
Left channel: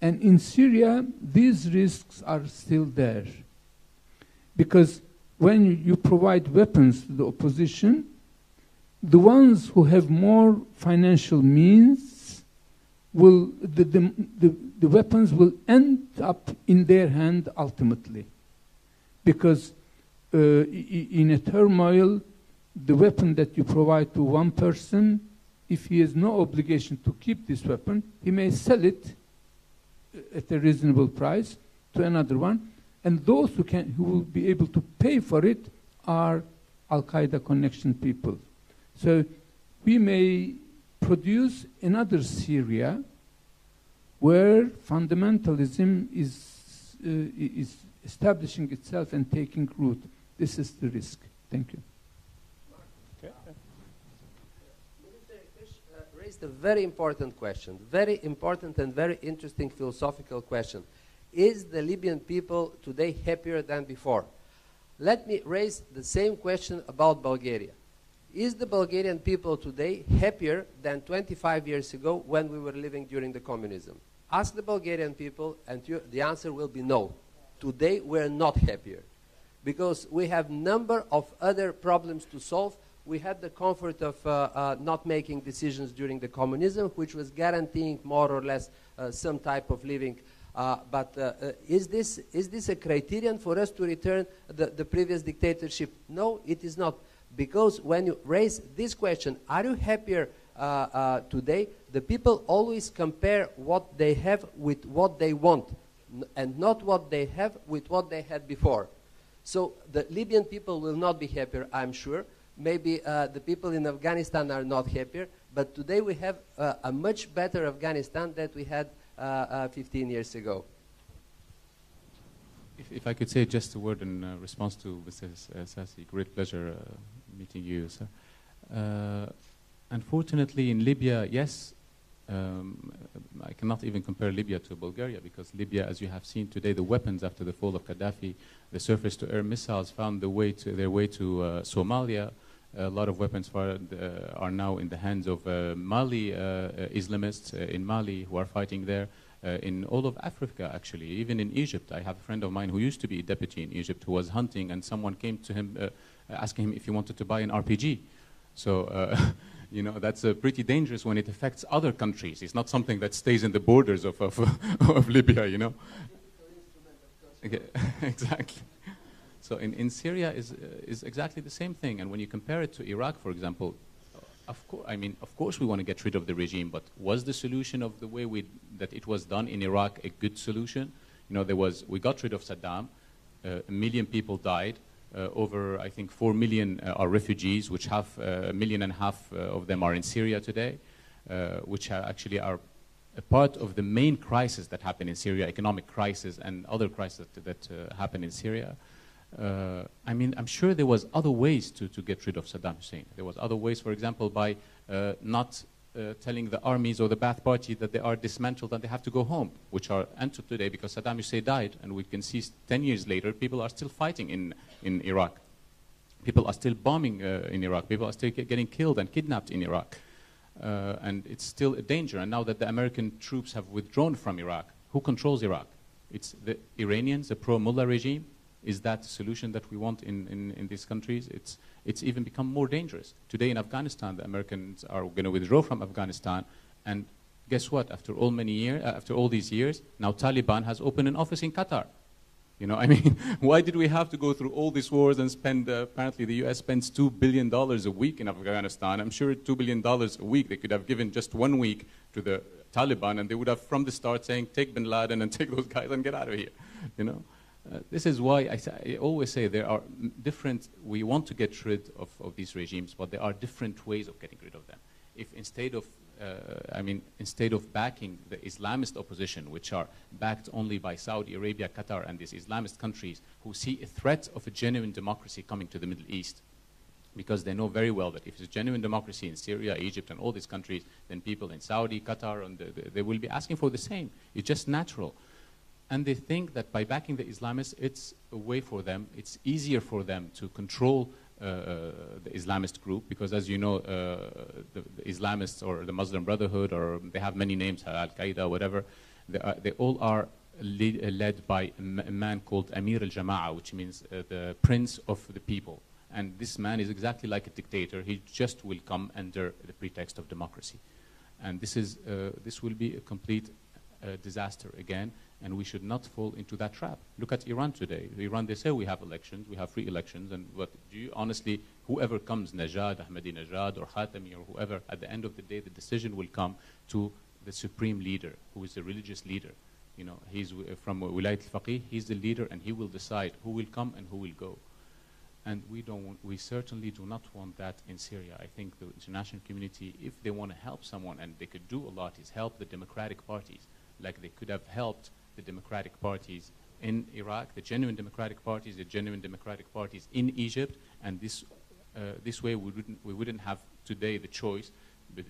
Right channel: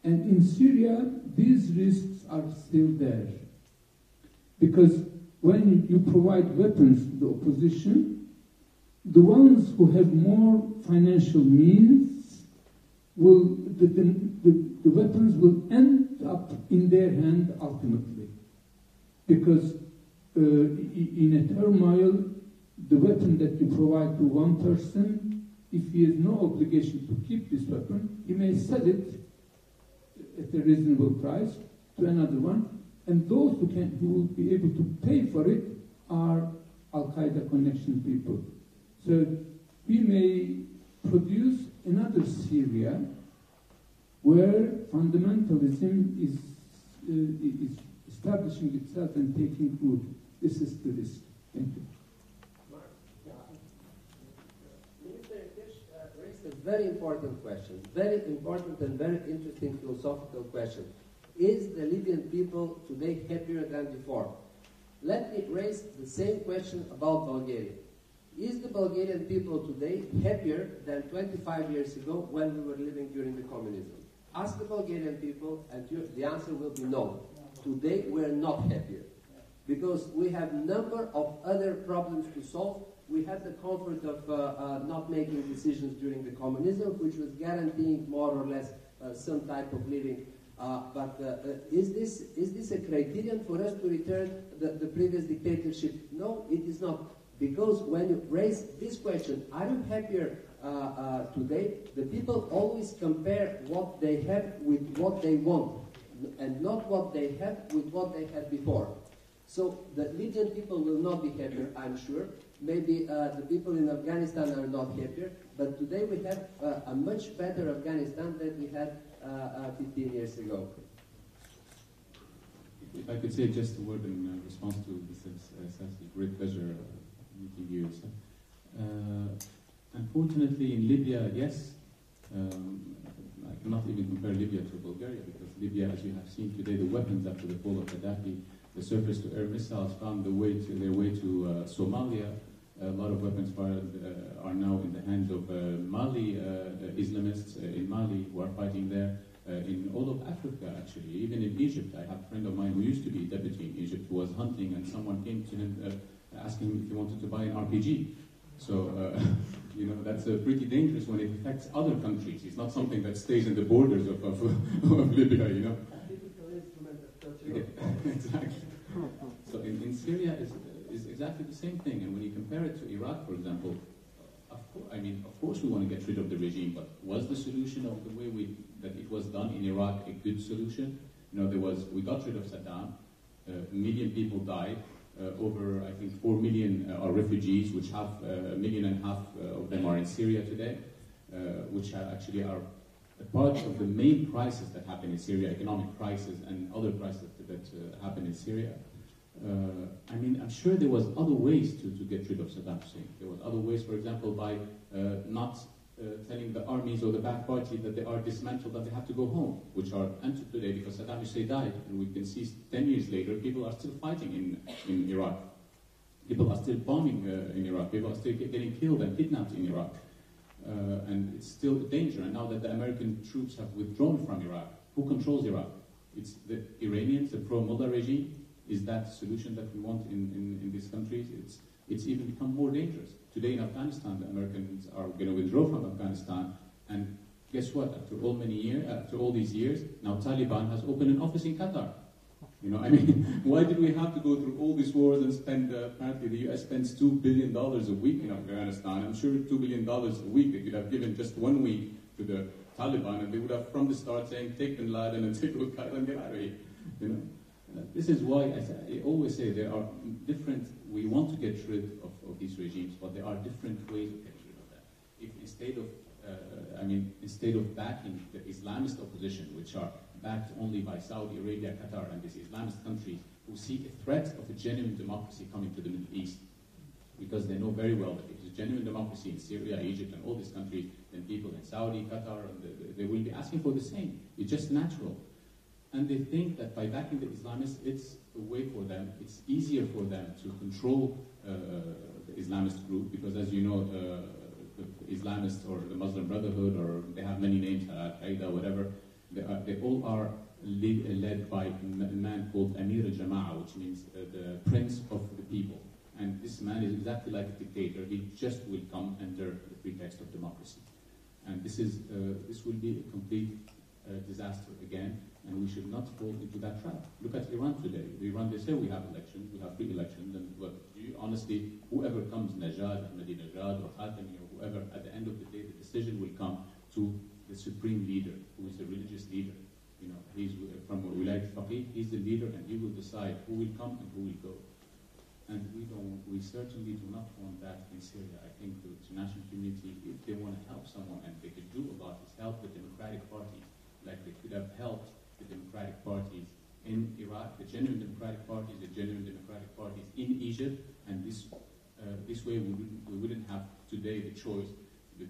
And in Syria, these risks are still there. Because when you provide weapons to the opposition, the ones who have more financial means will, the weapons will end up in their hand ultimately. Because in a turmoil, the weapon that you provide to one person, if he has no obligation to keep this weapon, he may sell it at a reasonable price to another one, and those who will be able to pay for it are Al-Qaeda connection people. So we may produce another Syria where fundamentalism is establishing itself and taking root. This is the risk. Thank you. A very important question, very important and very interesting philosophical question. Is the Libyan people today happier than before? Let me raise the same question about Bulgaria. Is the Bulgarian people today happier than 25 years ago when we were living during the communism? Ask the Bulgarian people and the answer will be no. Today we're not happier because we have a number of other problems to solve. We had the comfort of not making decisions during the communism, which was guaranteeing more or less some type of living. But is this a criterion for us to return the previous dictatorship? No, it is not. Because when you raise this question, are you happier today? The people always compare what they have with what they want, and not what they have with what they had before. So the Libyan people will not be happier, I'm sure. Maybe the people in Afghanistan are not happier, but today we have a much better Afghanistan than we had 15 years ago. If I could say just a word in response to Mr. Sassi, great pleasure meeting you, sir. Unfortunately, in Libya, yes, I cannot even compare Libya to Bulgaria, because Libya, as you have seen today, the weapons after the fall of Gaddafi, the surface-to-air missiles found their way to Somalia. A lot of weapons are now in the hands of Mali Islamists in Mali who are fighting there. in all of Africa, actually, even in Egypt. I have a friend of mine who used to be a deputy in Egypt who was hunting, and someone came to him asking him if he wanted to buy an RPG. So, you know, that's pretty dangerous when it affects other countries. It's not something that stays in the borders of Libya, you know. Okay. Exactly. So in Syria is exactly the same thing. And when you compare it to Iraq, for example, of course we want to get rid of the regime, but was the solution of the way that it was done in Iraq a good solution? You know, we got rid of Saddam, 1 million people died, over, I think, 4 million are refugees, which 1.5 million of them are in Syria today, which actually are a part of the main crisis that happened in Syria, economic crisis and other crises that happen in Syria. I mean, I'm sure there was other ways to get rid of Saddam Hussein. There was other ways, for example, by not telling the armies or the Ba'ath Party that they are dismantled and they have to go home, which are ended today because Saddam Hussein died. And we can see 10 years later, people are still fighting in Iraq. People are still bombing in Iraq. People are still getting killed and kidnapped in Iraq. And it's still a danger. And now that the American troops have withdrawn from Iraq, who controls Iraq? It's the Iranians, the pro-Mullah regime. Is that the solution that we want in these countries? It's even become more dangerous. Today in Afghanistan, the Americans are going to withdraw from Afghanistan, and guess what? After all these years, now Taliban has opened an office in Qatar. You know, I mean, why did we have to go through all these wars and spend? Apparently, the U.S. spends $2 billion a week in Afghanistan. I'm sure $2 billion a week they could have given just 1 week to the Taliban, and they would have from the start saying, "Take Bin Laden and take those guys and get out of here." You know. This is why I always say there are different, we want to get rid of these regimes, but there are different ways of getting rid of them. If instead of backing the Islamist opposition, which are backed only by Saudi Arabia, Qatar, and these Islamist countries who see a threat of a genuine democracy coming to the Middle East, because they know very well that if there's genuine democracy in Syria, Egypt, and all these countries, then people in Saudi, Qatar, and they will be asking for the same. It's just natural. And they think that by backing the Islamists, it's a way for them, it's easier for them to control the Islamist group, because as you know, the Islamists or the Muslim Brotherhood, or they have many names, Al-Qaeda, whatever, they all are led by a man called Amir al-Jama'a, which means the prince of the people. And this man is exactly like a dictator. He just will come under the pretext of democracy. And this will be a complete disaster again. And we should not fall into that trap. Look at Iran today. Iran, they say we have elections, we have free elections, but do you honestly, whoever comes, Najad, Ahmadinejad, or Khatami, or whoever, at the end of the day, the decision will come to the supreme leader, who is the religious leader. You know, he's from Wilayat al-Faqih, he's the leader, and he will decide who will come and who will go. And we certainly do not want that in Syria. I think the international community, if they want to help someone, and they could do a lot, is help the democratic parties, like they could have helped the democratic parties in Iraq, the genuine democratic parties in Egypt, and this way we wouldn't have today the choice, the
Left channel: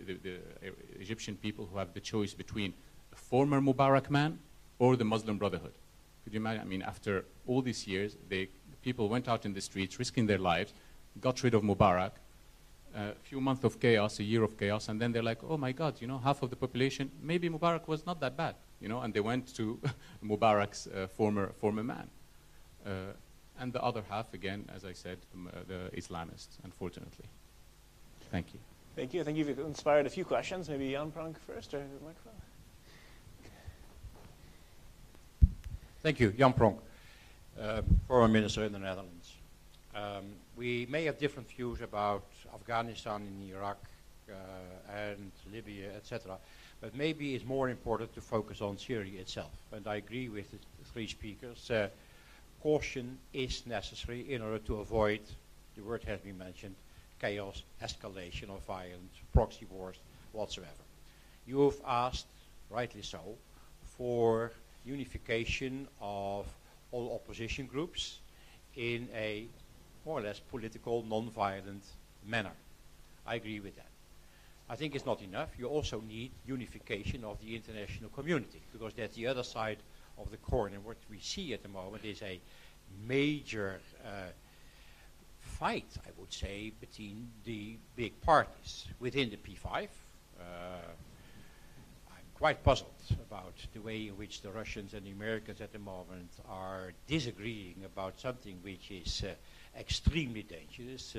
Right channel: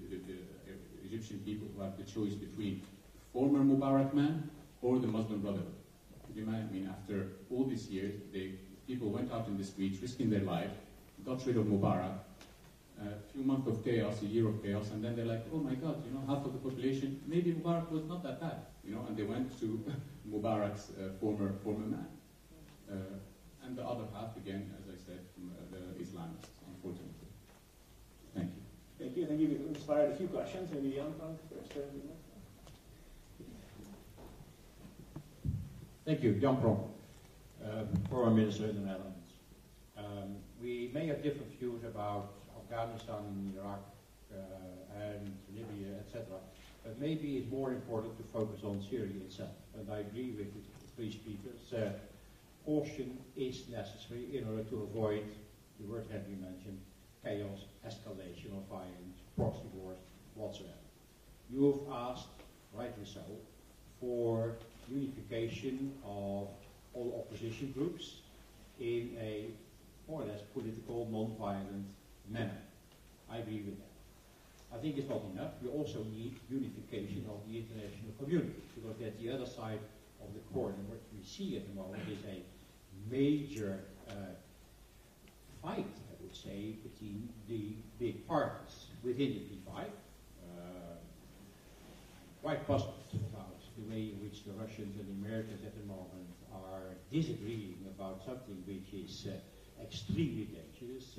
Egyptian people who have the choice between a former Mubarak man or the Muslim Brotherhood. Could you imagine? I mean, after all these years, people went out in the streets, risking their lives, got rid of Mubarak, a few months of chaos, a year of chaos, and then they're like, oh my God, you know, half of the population, maybe Mubarak was not that bad, you know, and they went to Mubarak's former man. And the other half, again, as I said, the Islamists, unfortunately. Thank you. Thank you. I think you've inspired a few questions. Maybe Jan Pronk first, or the microphone. Thank you. Jan Pronk, Foreign Minister in the Netherlands. We may have different views about Afghanistan and Iraq and Libya, etc. But maybe it's more important to focus on Syria itself. And I agree with the three speakers. Caution is necessary in order to avoid, the word has been mentioned, chaos, escalation of violence, proxy wars, whatsoever. You have asked, rightly so, for unification of all opposition groups in a more or less political, non-violent manner. I agree with that. I think it's not enough. You also need unification of the international community, because that's the other side of the coin. And what we see at the moment is a major fight, I would say, between the big parties within the P5. I'm quite puzzled about the way in which the Russians and the Americans at the moment are disagreeing about something which is extremely dangerous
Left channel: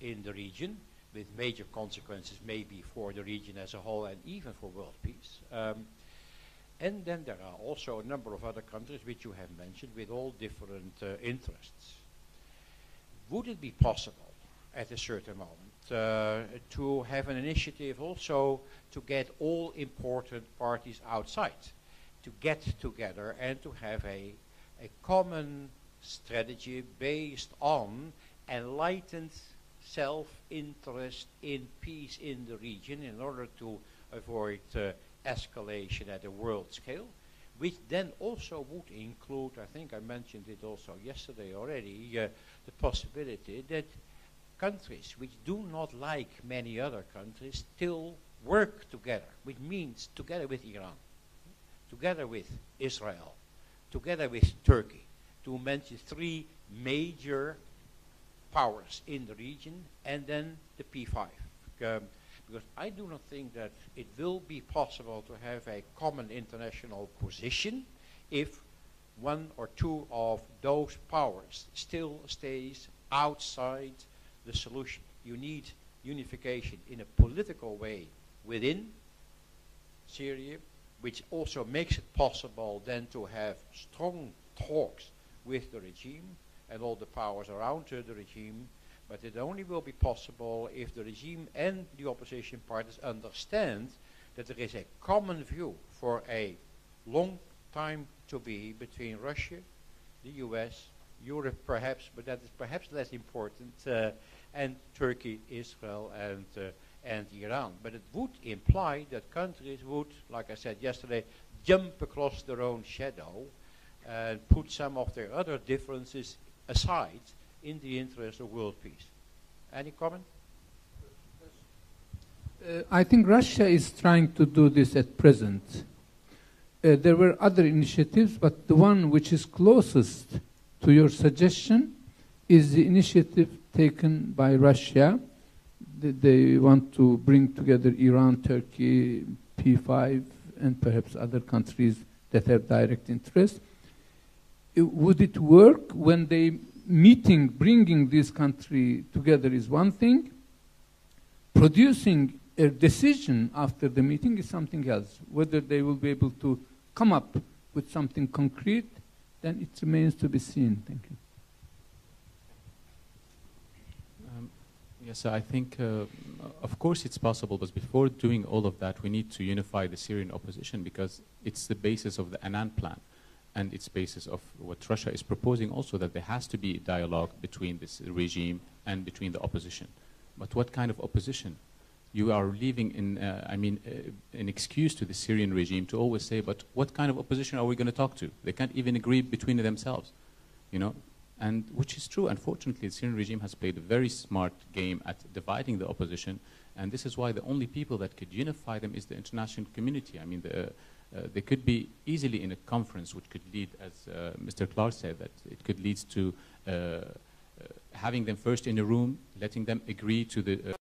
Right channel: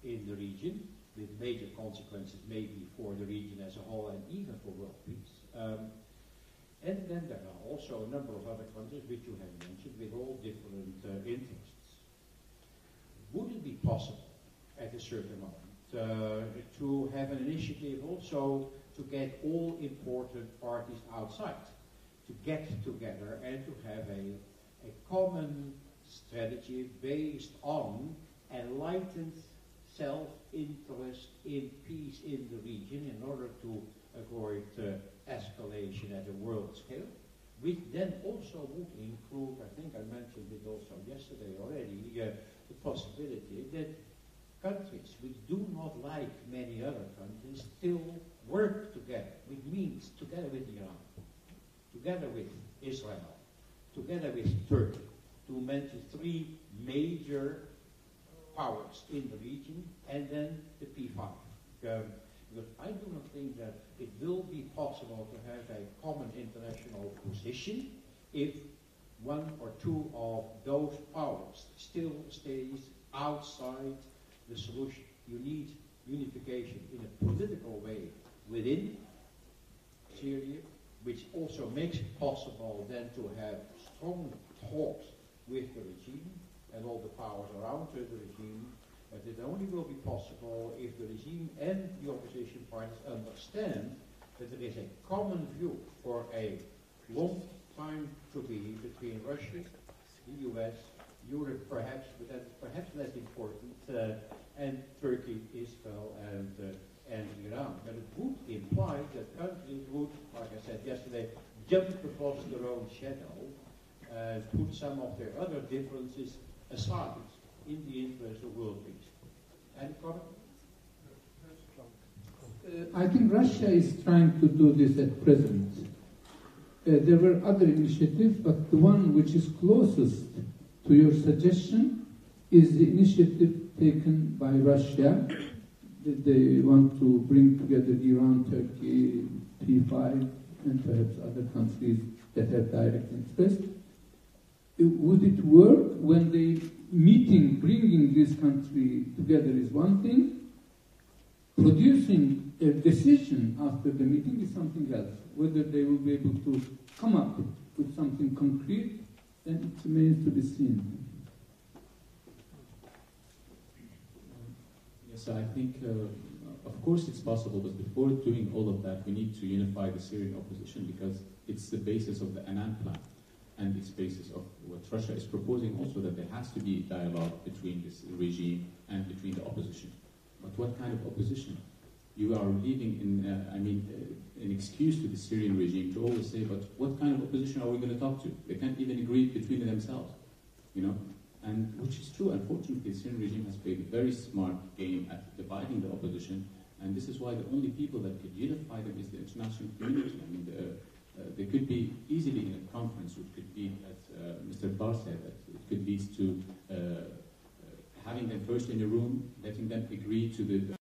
in the region, with major consequences maybe for the region as a whole and even for world peace. And then there are also a number of other countries which you have mentioned with all different interests. Would it be possible at a certain moment to have an initiative also to get all important parties outside, to get together and to have a common strategy based on enlightened self-interest in peace in the region in order to avoid escalation at a world scale, which then also would include, I think I mentioned it also yesterday already, the possibility that countries which do not like many other countries still work together, which means together with Iran, together with Israel, together with Turkey, to mention three major powers in the region, and then the P5. Because I do not think that it will be possible to have a common international position if one or two of those powers still stays outside the solution. You need unification in a political way within Syria, which also makes it possible then to have strong talks with the regime and all the powers around the regime, but it only will be possible if the regime and the opposition parties understand that there is a common view for a long time to be between Russia, the US, Europe perhaps, but that is perhaps less important, and Turkey, Israel, and Iran. But it would imply that countries would, like I said yesterday, jump across their own shadow and put some of their other differences aside in the interest of world peace. Any comment? I think Russia is trying to do this at present. There were other initiatives, but the one which is closest to your suggestion is the initiative taken by Russia. They want to bring together Iran, Turkey, P5, and perhaps other countries that have direct interest. Would it work when they bringing this country together is one thing, producing a decision after the meeting is something else. Whether they will be able to come up with something concrete, then it remains to be seen. Thank you. Yes, I think, of course it's possible, but before doing all of that, we need to unify the Syrian opposition because it's the basis of the Annan plan. And it's basis of what Russia is proposing also, that there has to be dialogue between this regime and between the opposition. But what kind of opposition? You are leaving an excuse to the Syrian regime to always say, but what kind of opposition are we going to talk to? They can't even agree between themselves, you know? And which is true, unfortunately, the Syrian regime has played a very smart game at dividing the opposition, and this is why the only people that could unify them is the international community. I mean, they could be easily in a conference which could lead, as Mr. Clark said, that it could lead to having them first in a room, letting them agree to the